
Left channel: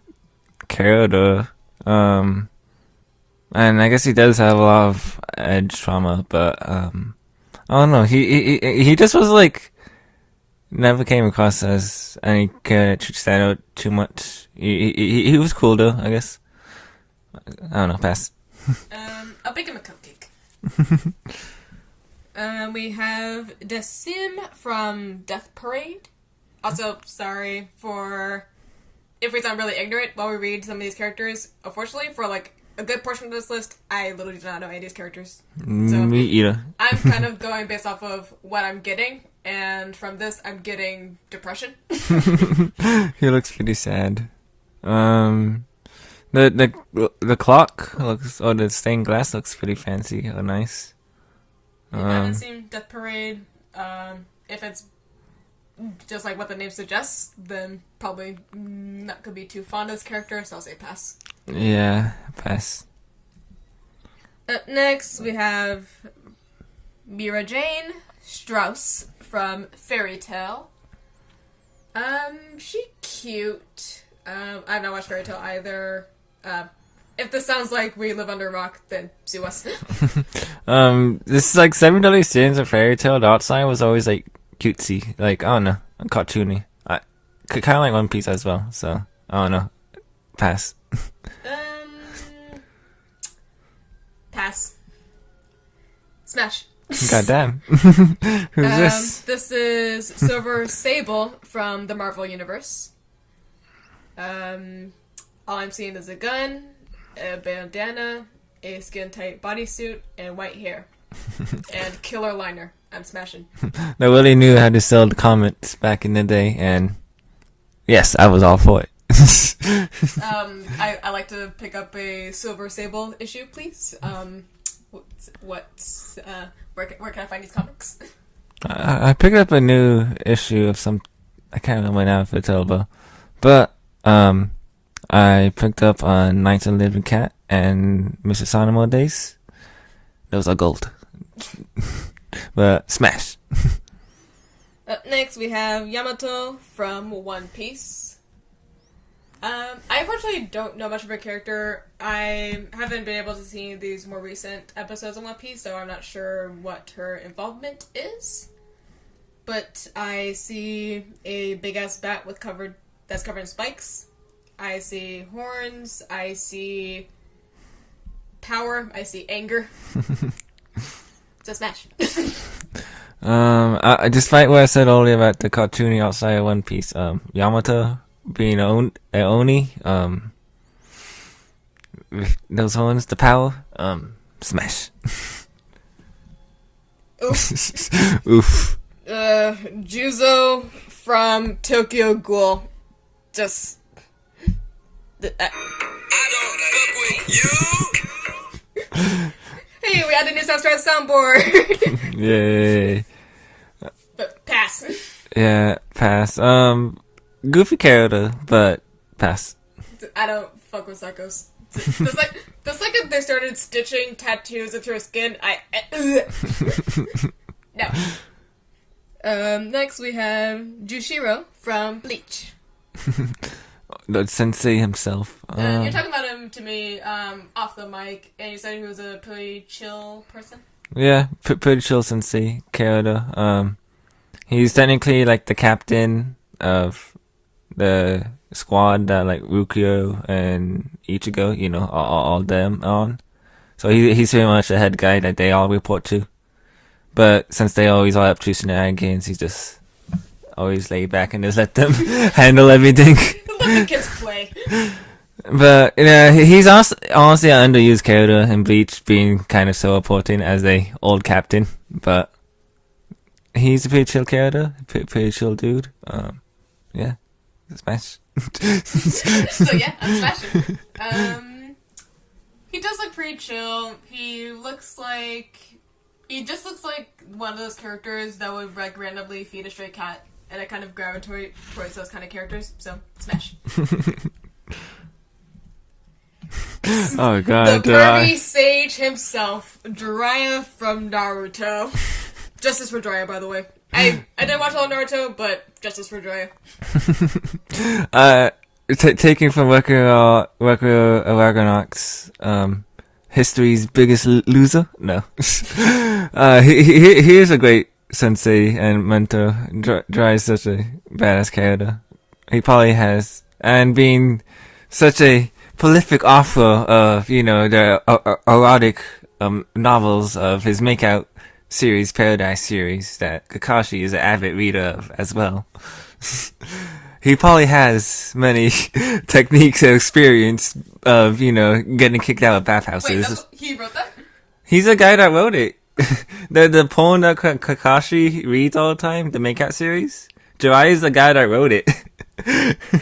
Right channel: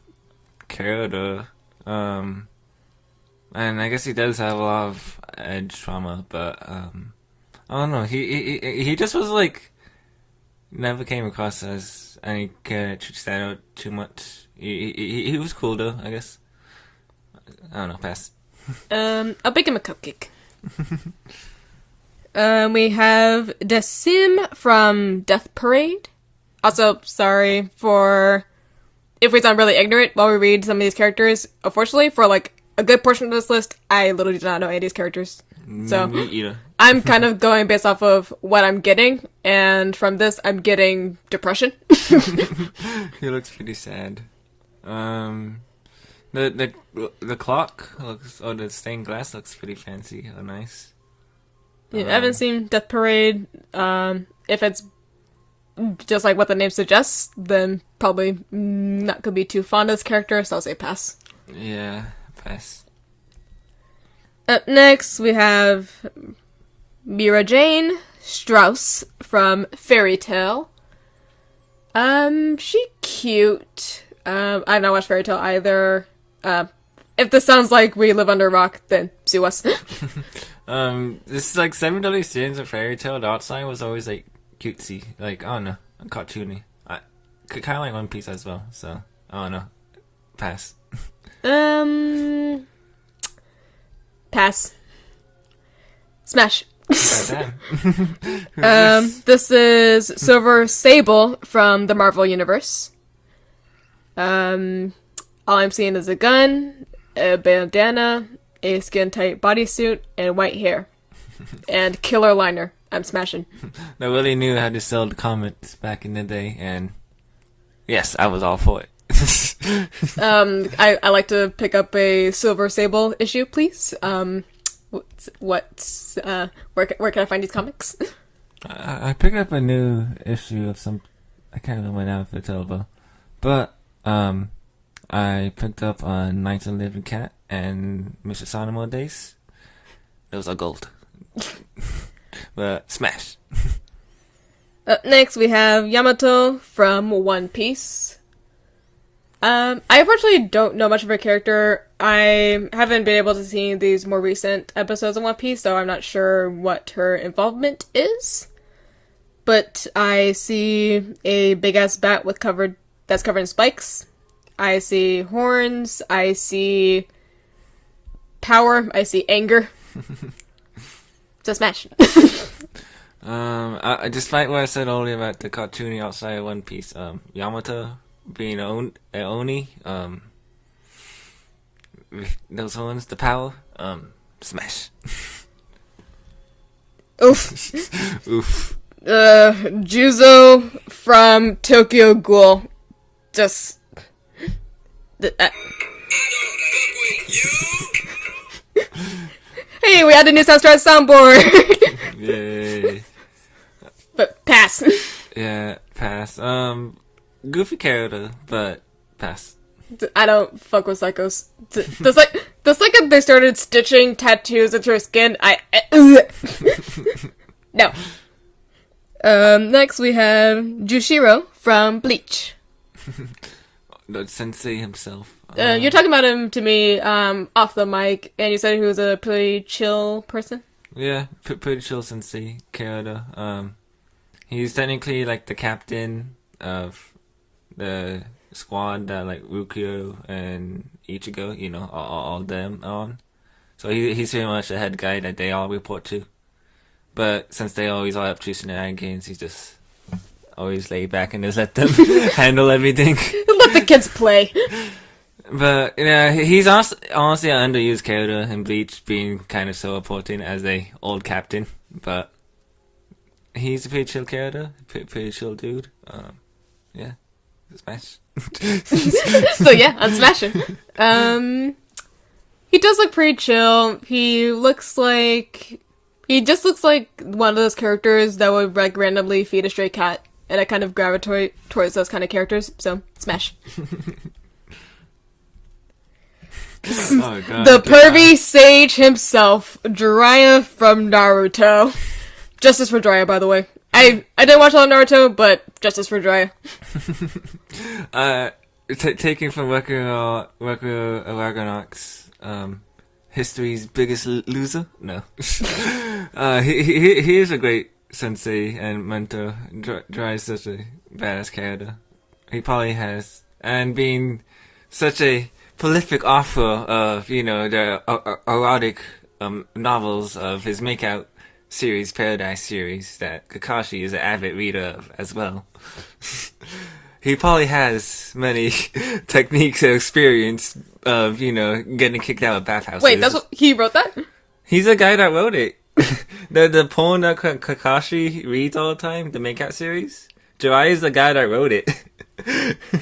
character. And I guess he does have a lot of edge trauma, but I don't know. He just was like never came across as any character that stand out too much. He was cool though, I guess. I don't know. Pass. I'll bake him a cupcake. We have Sim from Death Parade. Also, sorry for if we sound really ignorant while we read some of these characters. Unfortunately, for like a good portion of this list, I literally do not know any of these characters. So Me either. I'm kind of going based off of what I'm getting, and from this, I'm getting depression. He looks pretty sad. The clock looks, or the stained glass looks pretty fancy or nice. Yeah, I haven't seen Death Parade. If it's just like what the name suggests, then probably not gonna be too fond of this character, so I'll say pass. Yeah, pass. Up next, we have Mira Jane Strauss from Fairy Tale. She cute. I've not watched Fairy Tale either. If this sounds like we live under a rock, then sue us. This is like $7 Sins of Fairy Tale. The outside was always like cutesy, like I don't know, cartoony. I kind of like One Piece as well, so I don't know. Pass. Pass. Smash. Goddamn. Who's this? This is Silver Sable from the Marvel Universe. All I'm seeing is a gun, a bandana, a skin-tight bodysuit, and white hair. And killer liner. I'm smashing. They really knew how to sell the comics back in the day, and yes, I was all for it. I like to pick up a Silver Sable issue, please. Where can I find these comics? I picked up a new issue of some, I can't remember now if it's over, but I picked up Knights of the Living Cat and Mr. Sonamo Days. Those are gold. But smash. Up next, we have Yamato from One Piece. I unfortunately don't know much of her character. I haven't been able to see these more recent episodes of One Piece, so I'm not sure what her involvement is. But I see a big-ass bat that's covered in spikes. I see horns. I see power. I see anger. It's a smash. Despite what I said earlier about the cartoony outside of One Piece, Yamato being a Oni, with those horns, the power, smash. Oof. Oof. Juzo from Tokyo Ghoul. Just. I don't fuck with you. Hey, we had a new Soundstripe soundboard! Yay. But pass. Yeah, pass. Goofy character, but pass. I don't fuck with psychos. The second they started stitching tattoos into her skin, No. Next we have Jushiro from Bleach. The sensei himself. You're talking about him to me off the mic, and you said he was a pretty chill person? Yeah, pretty chill sensei character. He's technically like the captain of the squad that like Rukio and Ichigo, you know, all them on. So he's pretty much the head guy that they all report to. But since they always are up to shenanigans, he's just always laid back and just let them handle everything. Let the kids play. But he's also honestly an underused character in Bleach, being kind of so important as a old captain. But he's a pretty chill character, pretty chill dude. Yeah, smash. So yeah, I'm smashing. He does look pretty chill. He just looks like one of those characters that would like randomly feed a stray cat, and I kind of gravitate towards those kind of characters. So smash. Oh god. The pervy sage himself, Jiraiya from Naruto. Justice for Jiraiya, by the way. I didn't watch all of Naruto, but justice for Jiraiya. Taking from Record Argonauts, history's biggest loser? No. He is a great sensei and mentor. Jiraiya is such a badass character. He probably has. And being such a prolific author of, the erotic novels of his Makeout series, Paradise series, that Kakashi is an avid reader of as well. He probably has many techniques and experience of, getting kicked out of bathhouses. Wait, he wrote that? He's the guy that wrote it. the poem that Kakashi reads all the time, the Makeout series. Jiraiya is the guy that wrote it.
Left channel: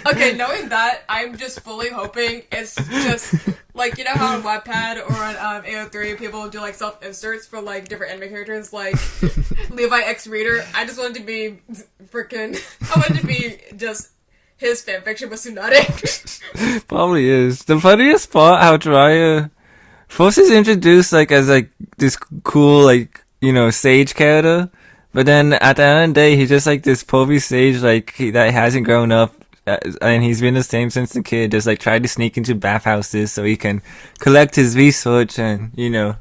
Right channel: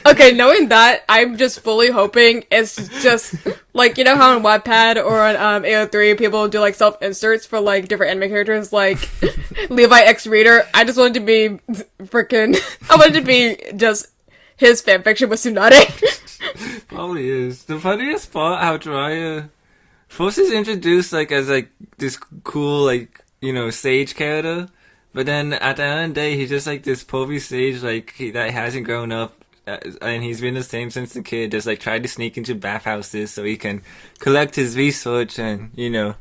Okay, knowing that, I'm just fully hoping it's just like, how on Wattpad or on AO3 people do like self-inserts for like different anime characters, like Levi X Reader. I just wanted to be I wanted to be just his fanfiction with Tsunade. Probably is. The funniest part how Jiraiya first is introduced like as like this cool sage character. But then at the end of the day, he's just like this povey sage, that hasn't grown up, and he's been the same since the kid. Just like tried to sneak into bathhouses so he can collect his research and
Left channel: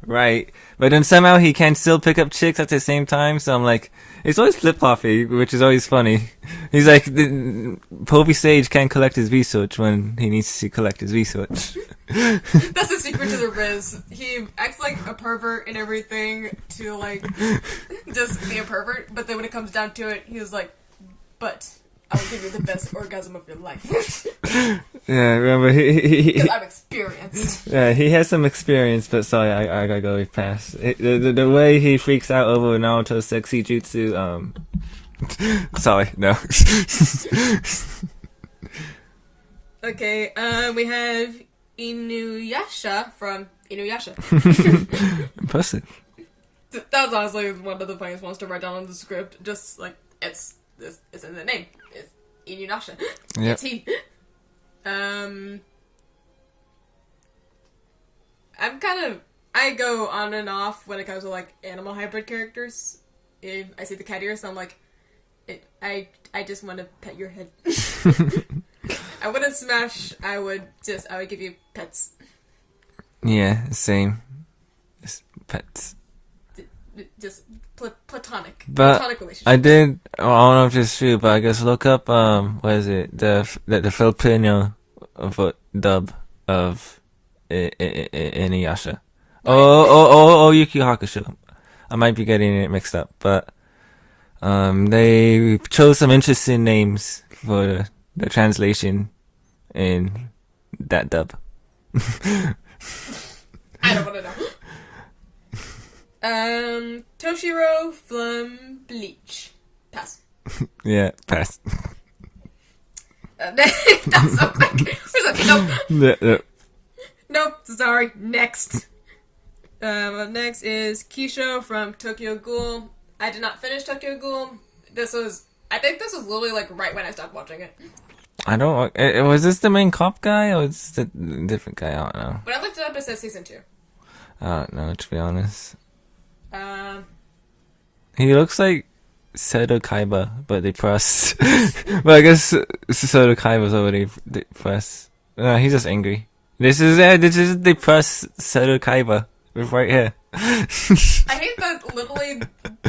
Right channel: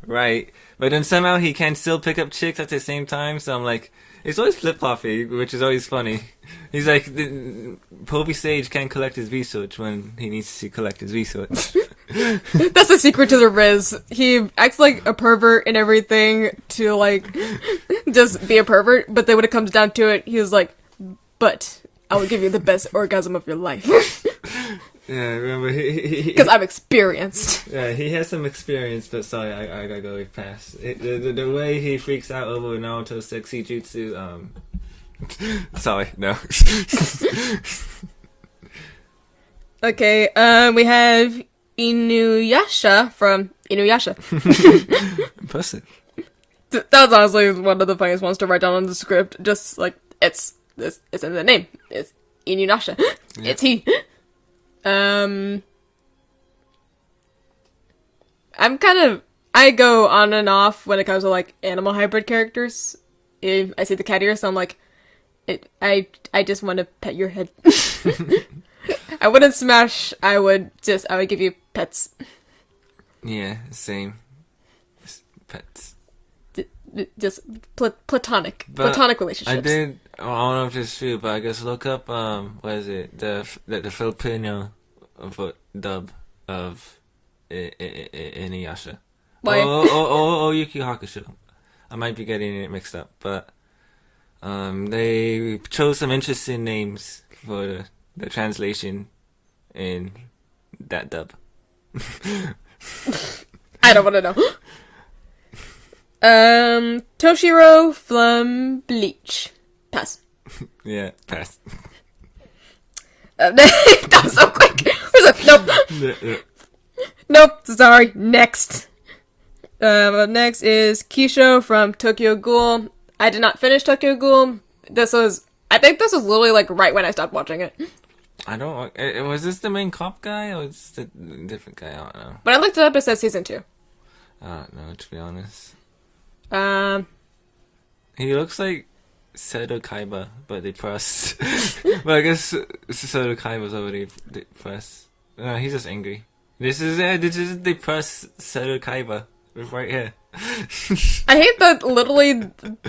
write. But then somehow he can still pick up chicks at the same time. So I'm like, it's always flip floppy, which is always funny. He's like, the povey sage can't collect his research when he needs to collect his research. That's the secret to the Riz. He acts like a pervert and everything to like just be a pervert, but then when it comes down to it, he was like, but I will give you the best orgasm of your life. Yeah, remember because I'm experienced. Yeah, he has some experience, but sorry, I gotta go past the way he freaks out over Naruto's sexy jutsu. Sorry, no. Okay, we have Inuyasha from Inuyasha. Impressive. That's honestly one of the funniest ones to write down on the script. Just like it's in the name. It's Inuyasha. Yep. It's he. I go on and off when it comes to like animal hybrid characters. If I see the cat ear, so I'm like, I just want to pet your head. I wouldn't smash. I would give you pets. Yeah, same. Just pets. Just platonic relationships. I don't know if it's true, but I guess look up what is it, the Filipino dub of Inuyasha. Oh, Yuki Hakusho. I might be getting it mixed up, but they chose some interesting names for the translation in that dub. I don't want to know. Toshiro from Bleach. Pass. Yeah, pass. That was so quick. Nope. Nope, sorry. Next. Next is Kisho from Tokyo Ghoul. I did not finish Tokyo Ghoul. I think this was literally like right when I stopped watching it. Was this the main cop guy or was this the different guy? I don't know. When I looked it up, it says season 2. I don't know, to be honest. He looks like Seto Kaiba, but they pressed. But I guess Seto Kaiba's already pressed. No, he's just angry. This is they press Seto Kaiba right here. I hate that literally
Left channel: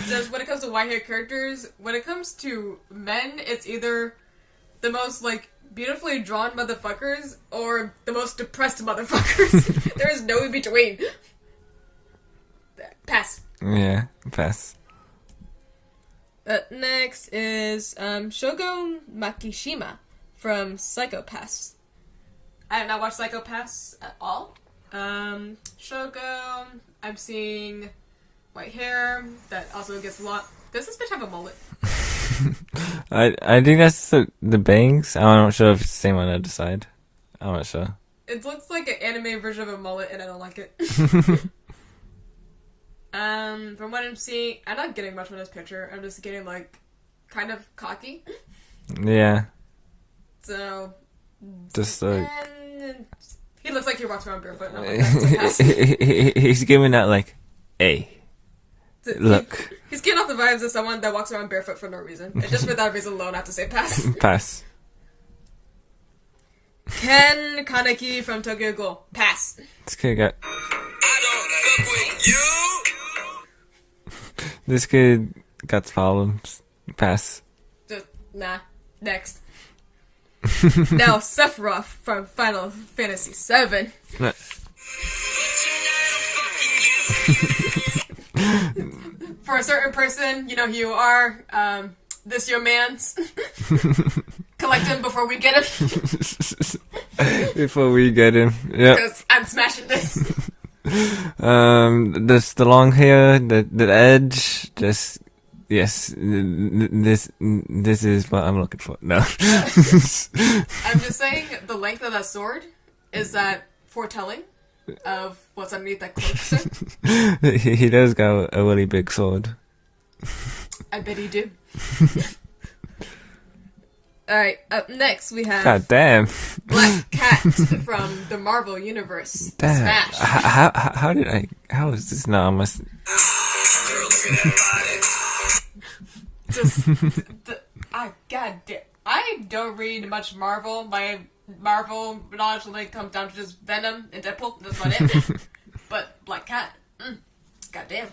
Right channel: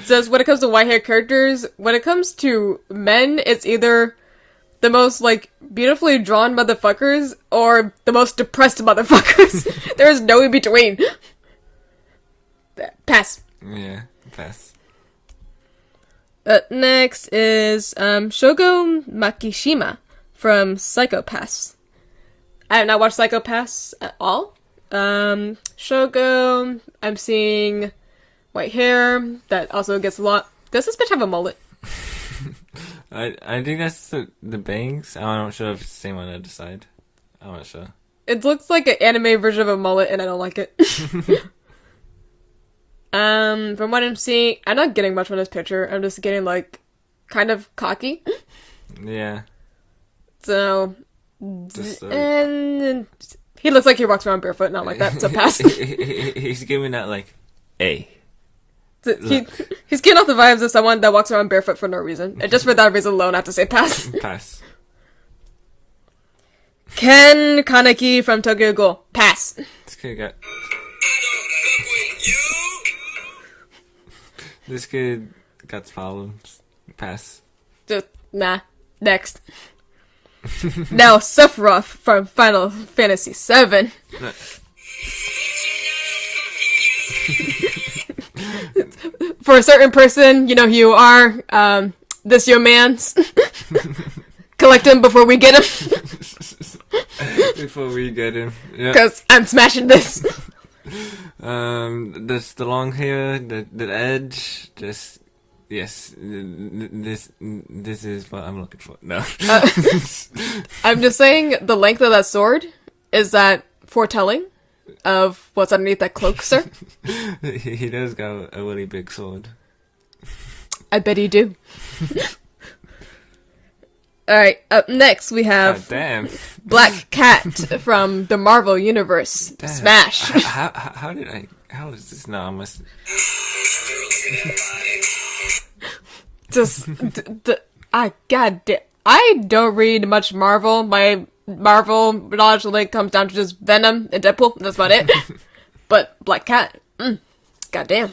just when it comes to white hair characters, when it comes to men, it's either the most like beautifully drawn motherfuckers or the most depressed motherfuckers. There is no in between. Pass. Yeah, pass. Next is Shogo Makishima from Psycho Pass. I have not watched Psycho Pass at all. Shogo, I'm seeing white hair that also gets a lot. Does this bitch have a mullet? I think that's the bangs. I'm not sure if it's the same on the other side. I'm not sure. It looks like an anime version of a mullet, and I don't like it. From what I'm seeing, I'm not getting much from this picture. I'm just getting, like, kind of cocky. Yeah. So, Just like... and he looks like he walks around barefoot, not like that, so pass. He's giving that, like, A. Look. He's getting off the vibes of someone that walks around barefoot for no reason. And just for that reason alone, I have to say pass. Pass. Ken Kaneki from Tokyo Ghoul. Pass. This kid got... I don't fuck with you. This kid got problems. Pass. Just, nah. Next. Now, Sephiroth from Final Fantasy VII. For a certain person, you know who you are. This your man's. Collect him before we get him. Before we get him. Yeah. Because I'm smashing this. This the long hair, the edge, just yes. This is what I'm looking for. No. I'm just saying the length of that sword is that foretelling of what's underneath that cloak, sir. He does got a really big sword. I bet he do. Alright, up next we have God damn. Black Cat from the Marvel Universe. Damn. Smash. How is this now? I must... Just, god damn. I don't read much Marvel. My Marvel knowledge really comes down to just Venom and Deadpool. That's about it. But Black Cat, god damn.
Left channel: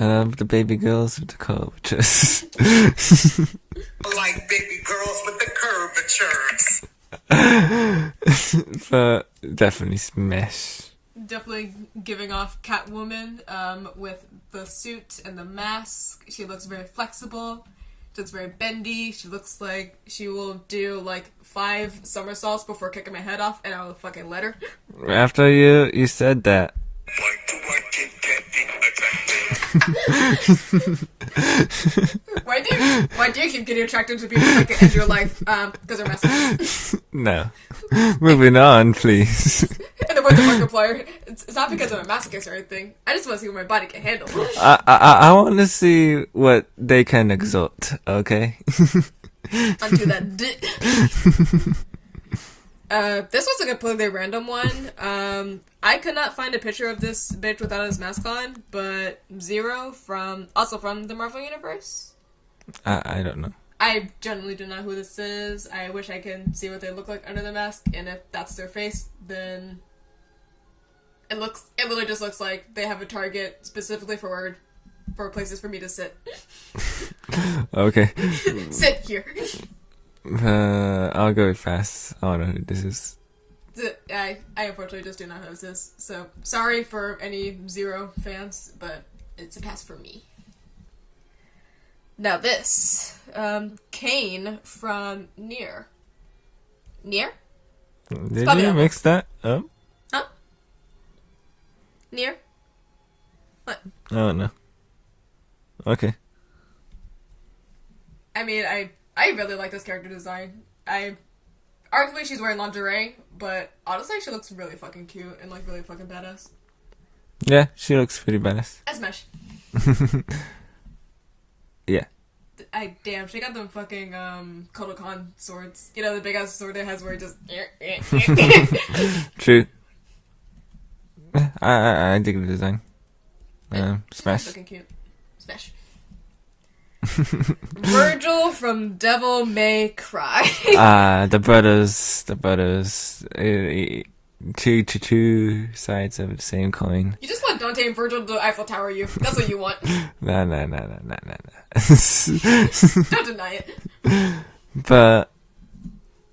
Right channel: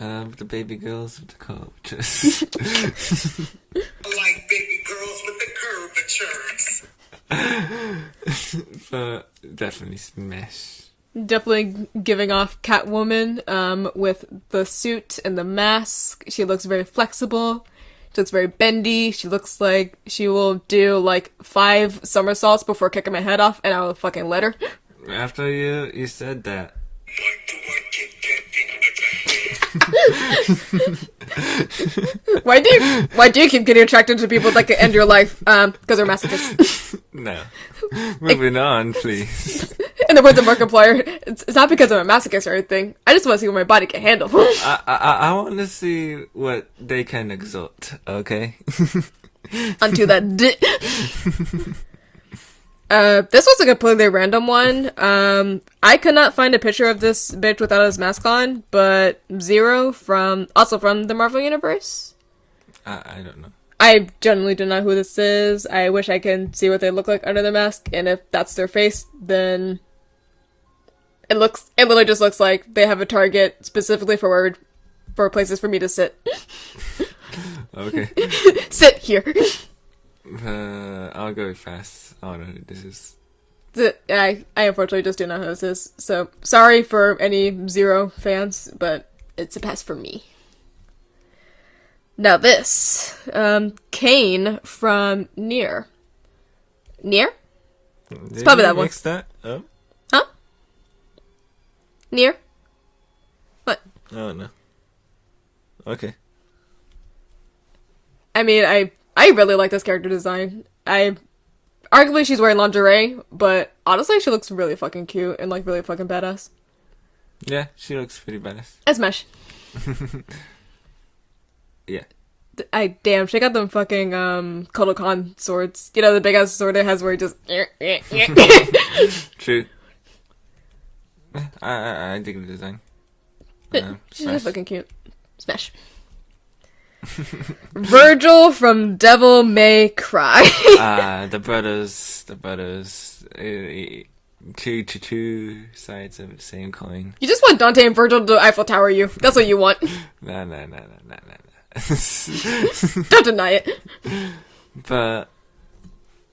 I love the baby girls with the curvatures. Like baby girls with the curvatures. But definitely smash. Definitely giving off Catwoman with the suit and the mask. She looks very flexible. She looks very bendy. She looks like she will do like 5 somersaults before kicking my head off, and I will fucking let her. After you said that. Why do you keep getting attracted to people that can end your life? Because they're masochists. No. Moving on, please. In the words of Markiplier, it's not because I'm a masochist or anything. I just want to see what my body can handle. I want to see what they can exalt, okay? Onto that dick. This was a completely random one. I could not find a picture of this bitch without his mask on, but Zero from the Marvel Universe. I don't know. I generally do not know who this is. I wish I can see what they look like under the mask, and if that's their face, then it literally just looks like they have a target specifically for places for me to sit. Okay. Sit here. I'll go fast. I don't know who this is. I unfortunately just do not know who this is. So, sorry for any Zero fans, but it's a pass for me. Now this, Kane from Nier. Nier? Did probably you that one. mix that up? Huh? Nier? What? I don't know. Okay. I mean, I really like this character design. Arguably she's wearing lingerie, but honestly she looks really fucking cute and like really fucking badass. Yeah, she looks pretty badass. I smash. Yeah. Damn, she got them fucking Kodokan swords. You know, the big ass sword it has where it just True. I dig the design. She's Smash. fucking cute. Smash. Virgil from Devil May Cry. The brothers. Two sides of the same coin. You just want Dante and Virgil to Eiffel Tower you. That's what you want. Nah. Don't deny it. But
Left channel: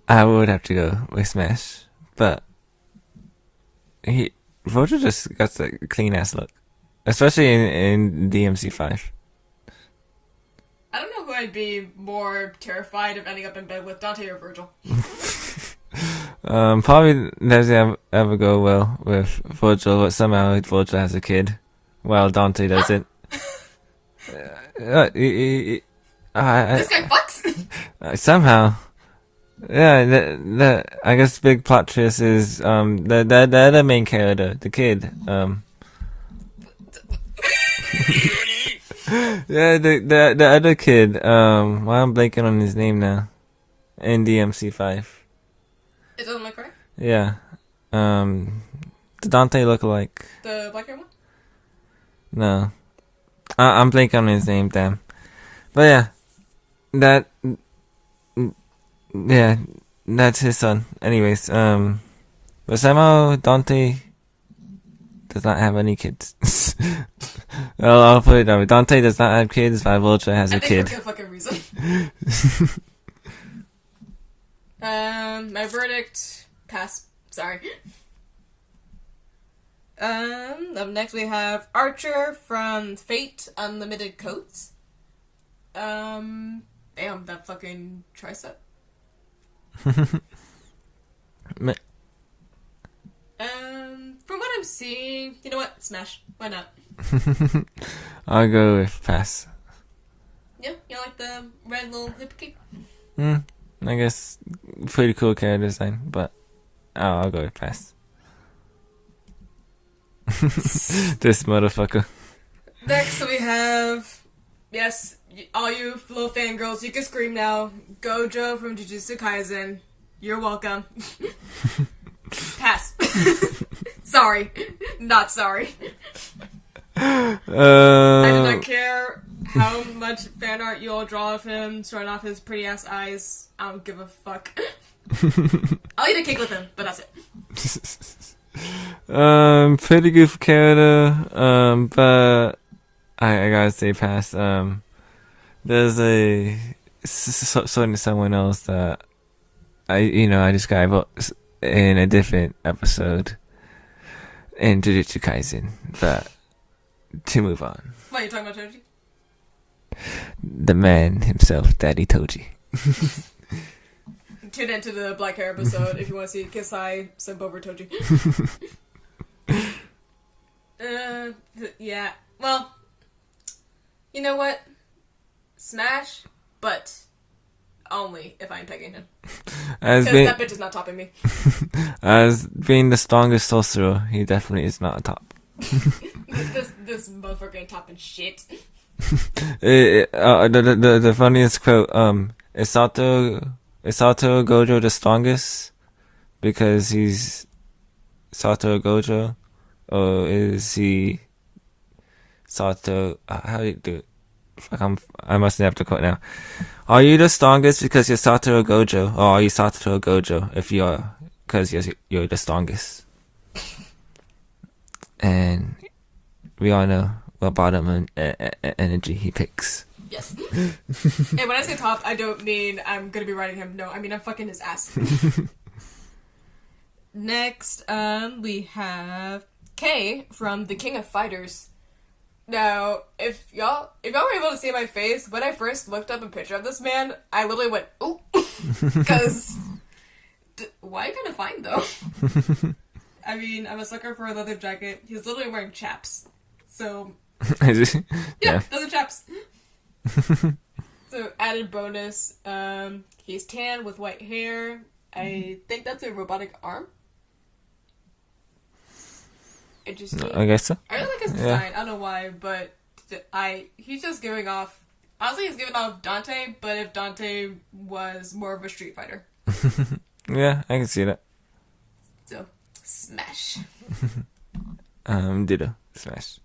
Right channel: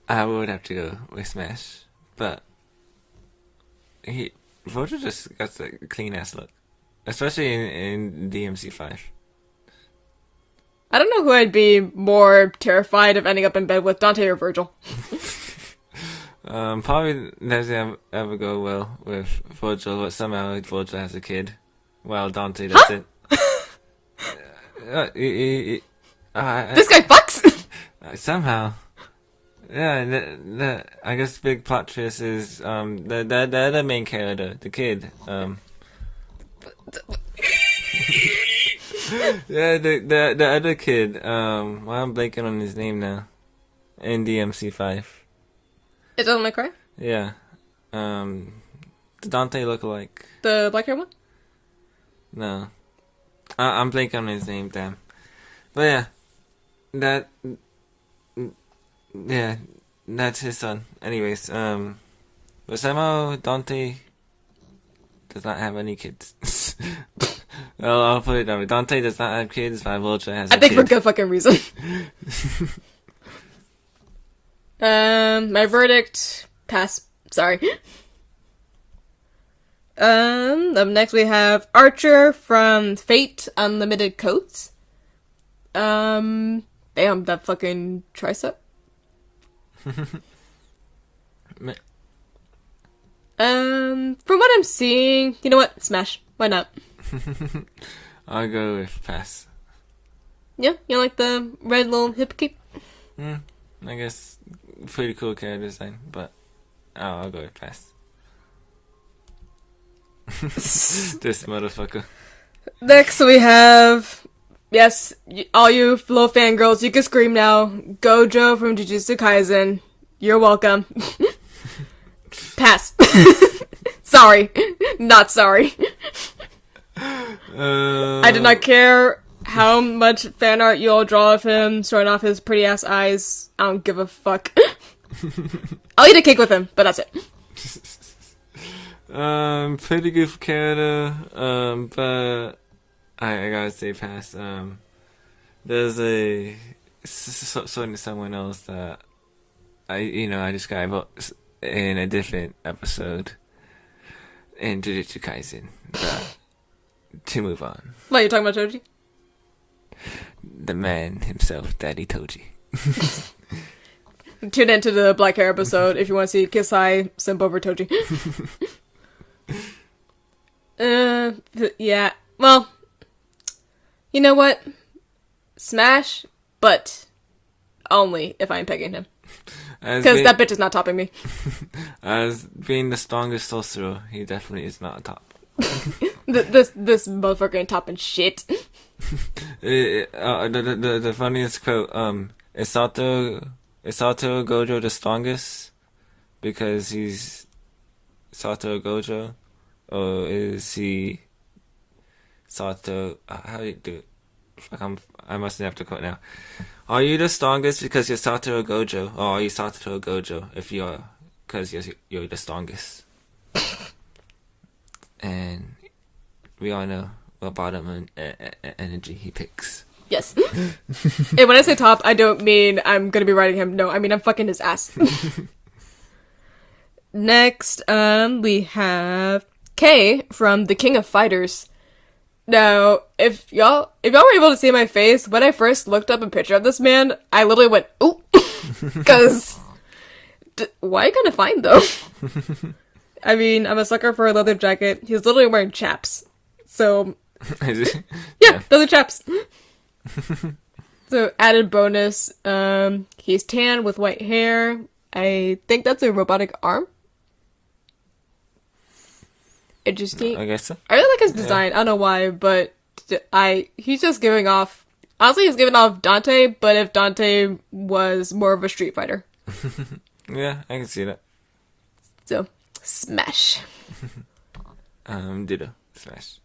I would have to go with Smash. But Virgil just got the clean ass look, especially in DMC5. I don't know who I'd be more terrified of ending up in bed with, Dante or Virgil. Probably doesn't ever go well with Virgil, but somehow Virgil has a kid, while Dante doesn't. This guy fucks. Somehow. Yeah, I guess big plot twist is the other main character, the kid. Yeah, the other kid. Why I'm blanking on his name now. In DMC5. It doesn't make cry. Yeah. The Dante lookalike. The black hair one. No. I'm blanking on his name, damn. But yeah. Yeah, that's his son. Anyways, but somehow Dante does not have any kids. Well, I'll put it that way. Dante does not have kids, but Vulture has a kid. I think for good fucking reason. My verdict, pass. Sorry. Up next we have Archer from Fate Unlimited Coats. Damn, that fucking tricep. From what I'm seeing, you know what? Smash. Why not? I'll go with pass. Yeah, you like the red little hip keep? I guess pretty cool character design, but I'll go with pass. This motherfucker. Next we have, yes, all you little fangirls, you can scream now. Gojo from Jujutsu Kaisen. You're welcome. Pass. Sorry. Not sorry. I did not care how much fan art you all draw of him, showing off his pretty ass eyes. I don't give a fuck. I'll eat a cake with him, but that's it. Pretty good for character, but I gotta say pass. There's a certainly someone else that I described in a different episode in Jujutsu Kaisen, but to move on. What, you talking about Toji? The man himself, Daddy Toji. Tune into the Black Hair episode if you want to see Kisai simp over Toji. Yeah. Well, you know what? Smash, but only if I'm pegging him. Because that bitch is not topping me. As being the strongest sorcerer, he definitely is not a top. This motherfucker ain't topping shit. The funniest quote, is Satoru Gojo the strongest because he's Satoru Gojo, or is he Sato? How do you do it? I must have to quote now. Are you the strongest because you're Satoru Gojo, or are you Satoru Gojo if you're because you're the strongest? And we all know what bottom energy he picks. Yes. And when I say top, I don't mean I'm gonna be riding him. No, I mean I'm fucking his ass. Next, we have Kay from The King of Fighters. Now, if y'all were able to see my face when I first looked up a picture of this man, I literally went, "Ooh," because why kind of fine though? I mean, I'm a sucker for a leather jacket. He's literally wearing chaps, so yeah, those are chaps. So added bonus, he's tan with white hair. I think that's a robotic arm. Interesting. I guess so. I really like his design. I don't know why, but he's just giving off. Honestly, he's giving off Dante, but if Dante was more of a Street Fighter. Yeah, I can see that. So, smash. Ditto. Smash.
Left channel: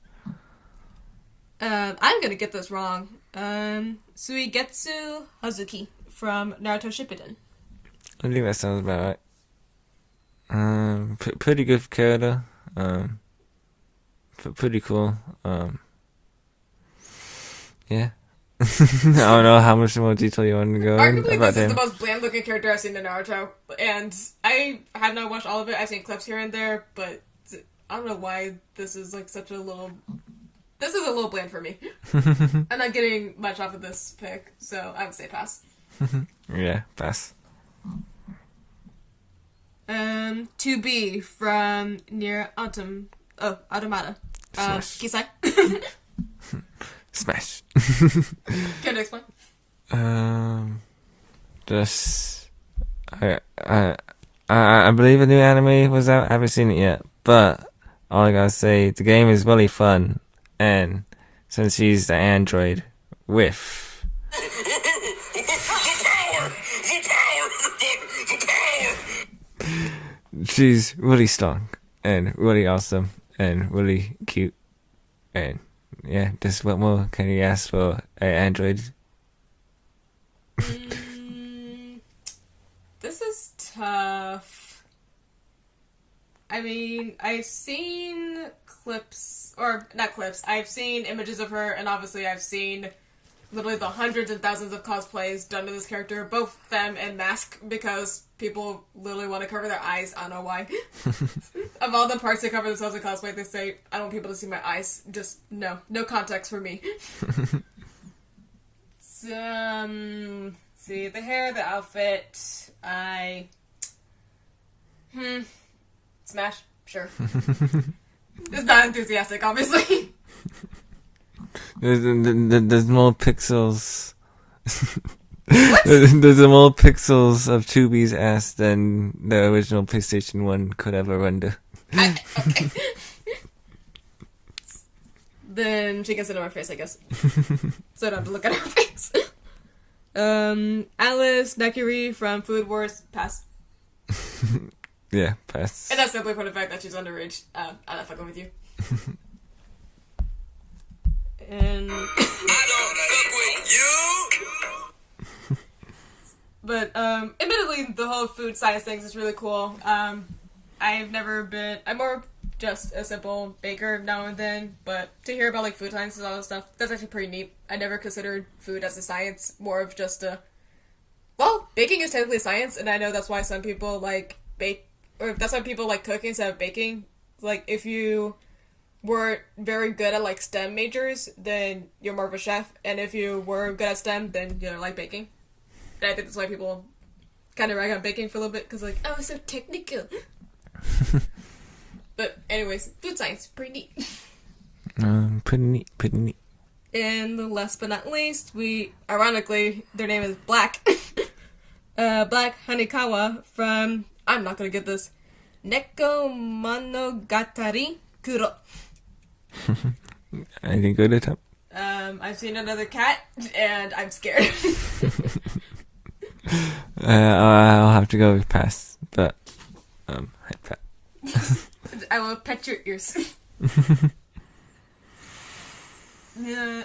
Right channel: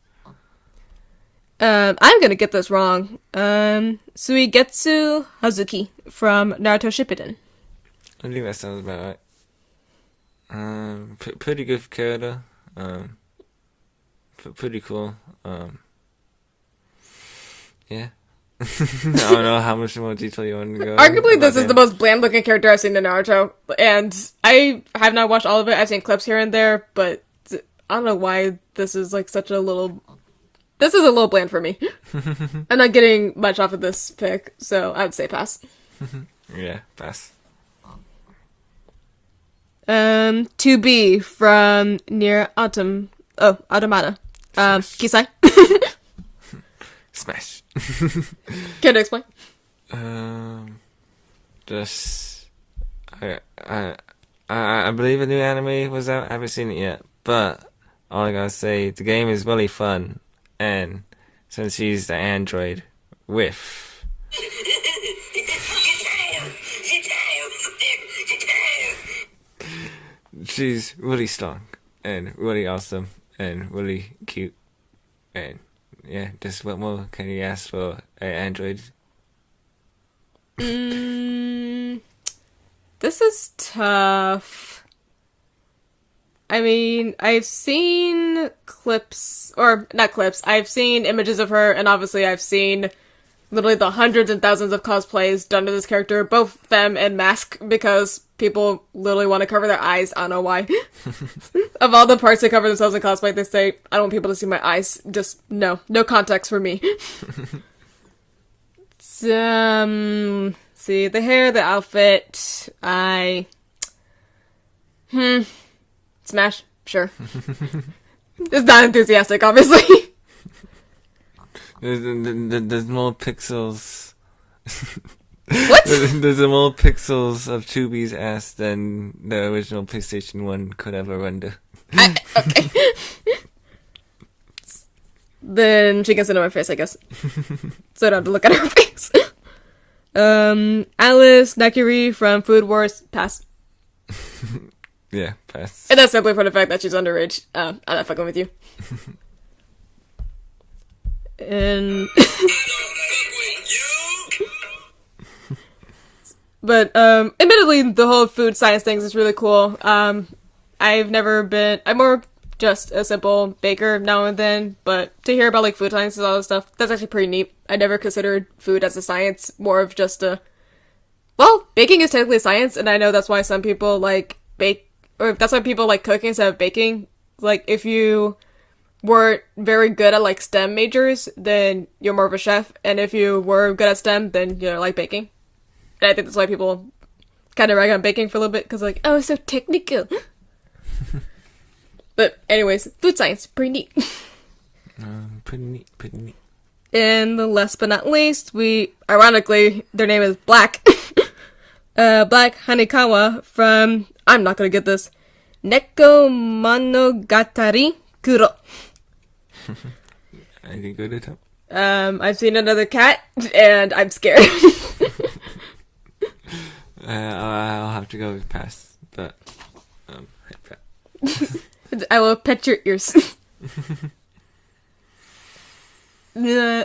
I'm gonna get this wrong. Suigetsu Hazuki from Naruto Shippuden. I think that sounds about right. Pretty good character. Pretty cool. Yeah. I don't know how much more detail you want to go. Arguably, this is the most bland-looking character I've seen in Naruto, and I have not watched all of it. I've seen clips here and there, but I don't know why this is like such a little. This is a little bland for me. I'm not getting much off of this pick, so I would say pass. Yeah, pass. 2B from Near Automata. Kisai. Smash. Care to explain? Just I believe a new anime was out. I haven't seen it yet, but all I gotta say, the game is really fun, and since she's the android with The power! The power! she's really strong and really awesome and really cute, and yeah, just what more can you ask for an android? This is tough. I mean, I've seen clips, or not clips, I've seen images of her, and obviously I've seen literally the hundreds and thousands of cosplays done to this character, both femme and mask, because people literally want to cover their eyes. I don't know why. Of all the parts they cover themselves in cosplay, they say, I don't want people to see my eyes. Just, no context for me. See, the hair, the outfit, Smash, sure. It's not enthusiastic, obviously. There's more pixels. What? There's more pixels of 2B's ass than the original PlayStation 1 could ever render. Okay. Then she can sit on my face, I guess. So I don't have to look at her face. Alice Nakiri from Food Wars, pass. Yeah, pass. And that's simply for the fact that she's underage. I'm not fucking with you. And I don't fuck with you! but admittedly the whole food science things is really cool. I'm more just a simple baker now and then, but to hear about like food science and all this stuff, that's actually pretty neat. I never considered food as a science, more of just baking is technically a science, and I know that's why some people like bake, or that's why people like cooking instead of baking. Like, if you weren't very good at like STEM majors, then you're more of a chef, and if you were good at STEM, then you're like baking. And I think that's why people kind of rag on baking for a little bit, because like, oh, it's so technical. But anyways, food science, pretty neat. Pretty neat. And last but not least, ironically, their name is Black. Black Hanekawa from, I'm not gonna get this, Neko Monogatari Kuro. Anything good at top? I've seen another cat, and I'm scared. I'll have to go with pass, but I'd pass. I will pet your ears. Yeah.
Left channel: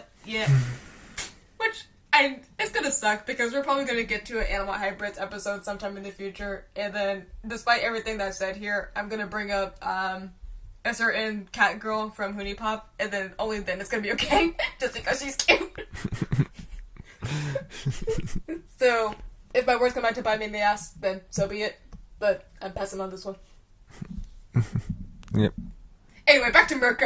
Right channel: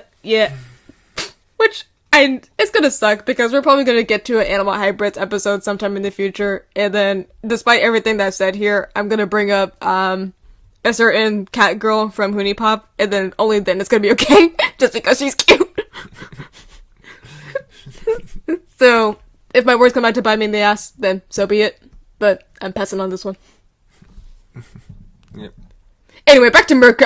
Which, it's gonna suck, because we're probably gonna get to an Animal Hybrids episode sometime in the future, and then, despite everything that's said here, I'm gonna bring up, a certain cat girl from Hoonie Pop, and then only then it's gonna be okay, just because she's cute. So, if my words come out to bite me in the ass, then so be it. But I'm passing on this one. Yep. Anyway, back to Mirko.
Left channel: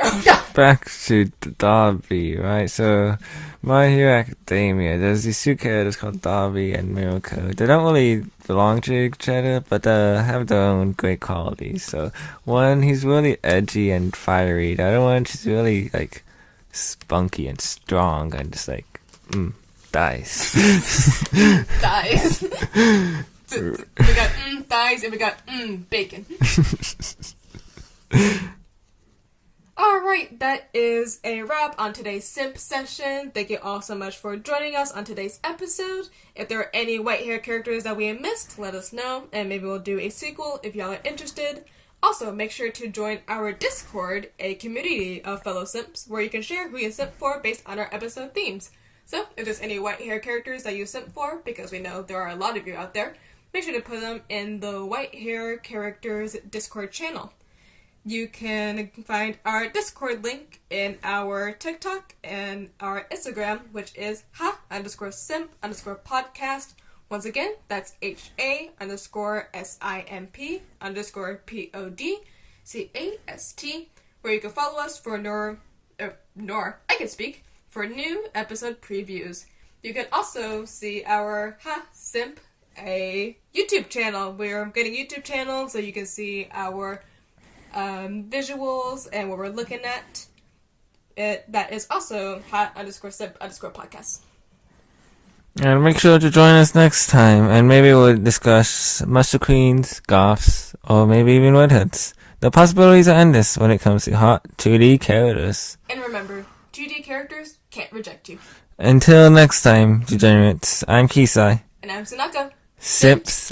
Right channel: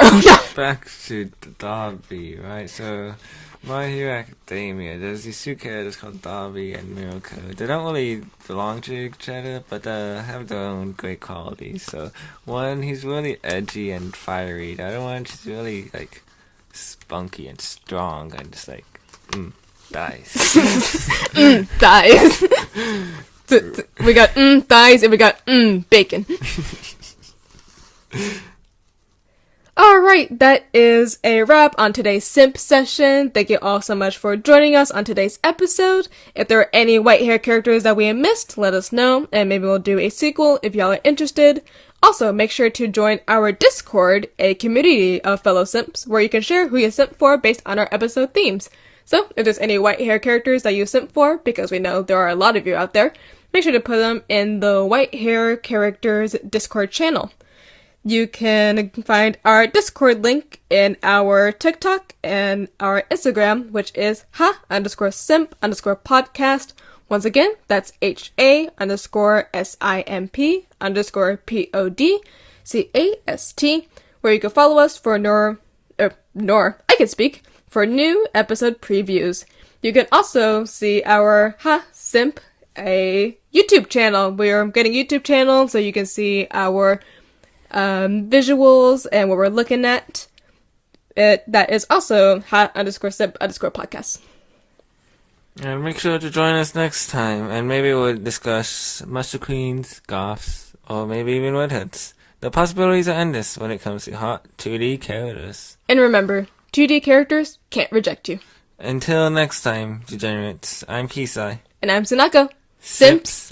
Back to Darby, right? So, My Hero Academia, there's these two characters called Darby and Mirko. They don't really belong to each other, but they have their own great qualities. So, one, he's really edgy and fiery. The other one, she's really, like, spunky and strong and just like, thighs. Thighs. We got thighs and we got bacon. Alright, that is a wrap on today's Simp session. Thank you all so much for joining us on today's episode. If there are any white hair characters that we missed, let us know, and maybe we'll do a sequel if y'all are interested. Also, make sure to join our Discord, a community of fellow simps, where you can share who you simp for based on our episode themes. So, if there's any white hair characters that you simp for, because we know there are a lot of you out there, make sure to put them in the White Hair Characters Discord channel. You can find our Discord link in our TikTok and our Instagram, which is ha_simp_podcast. Once again, that's HA_SIMP_PODCAST, where you can follow us for for new episode previews. You can also see our Simp a YouTube channel. We're getting a YouTube channel so you can see our visuals and what we're looking at. That is also hot_sip_podcast. And make sure to join us next time, and maybe we'll discuss Master Queens, Goths, or maybe even Redheads. The possibilities are endless when it comes to hot 2D characters. And remember, 2D characters can't reject you. Until next time, degenerates, I'm Kisai. And I'm Sunako. Sips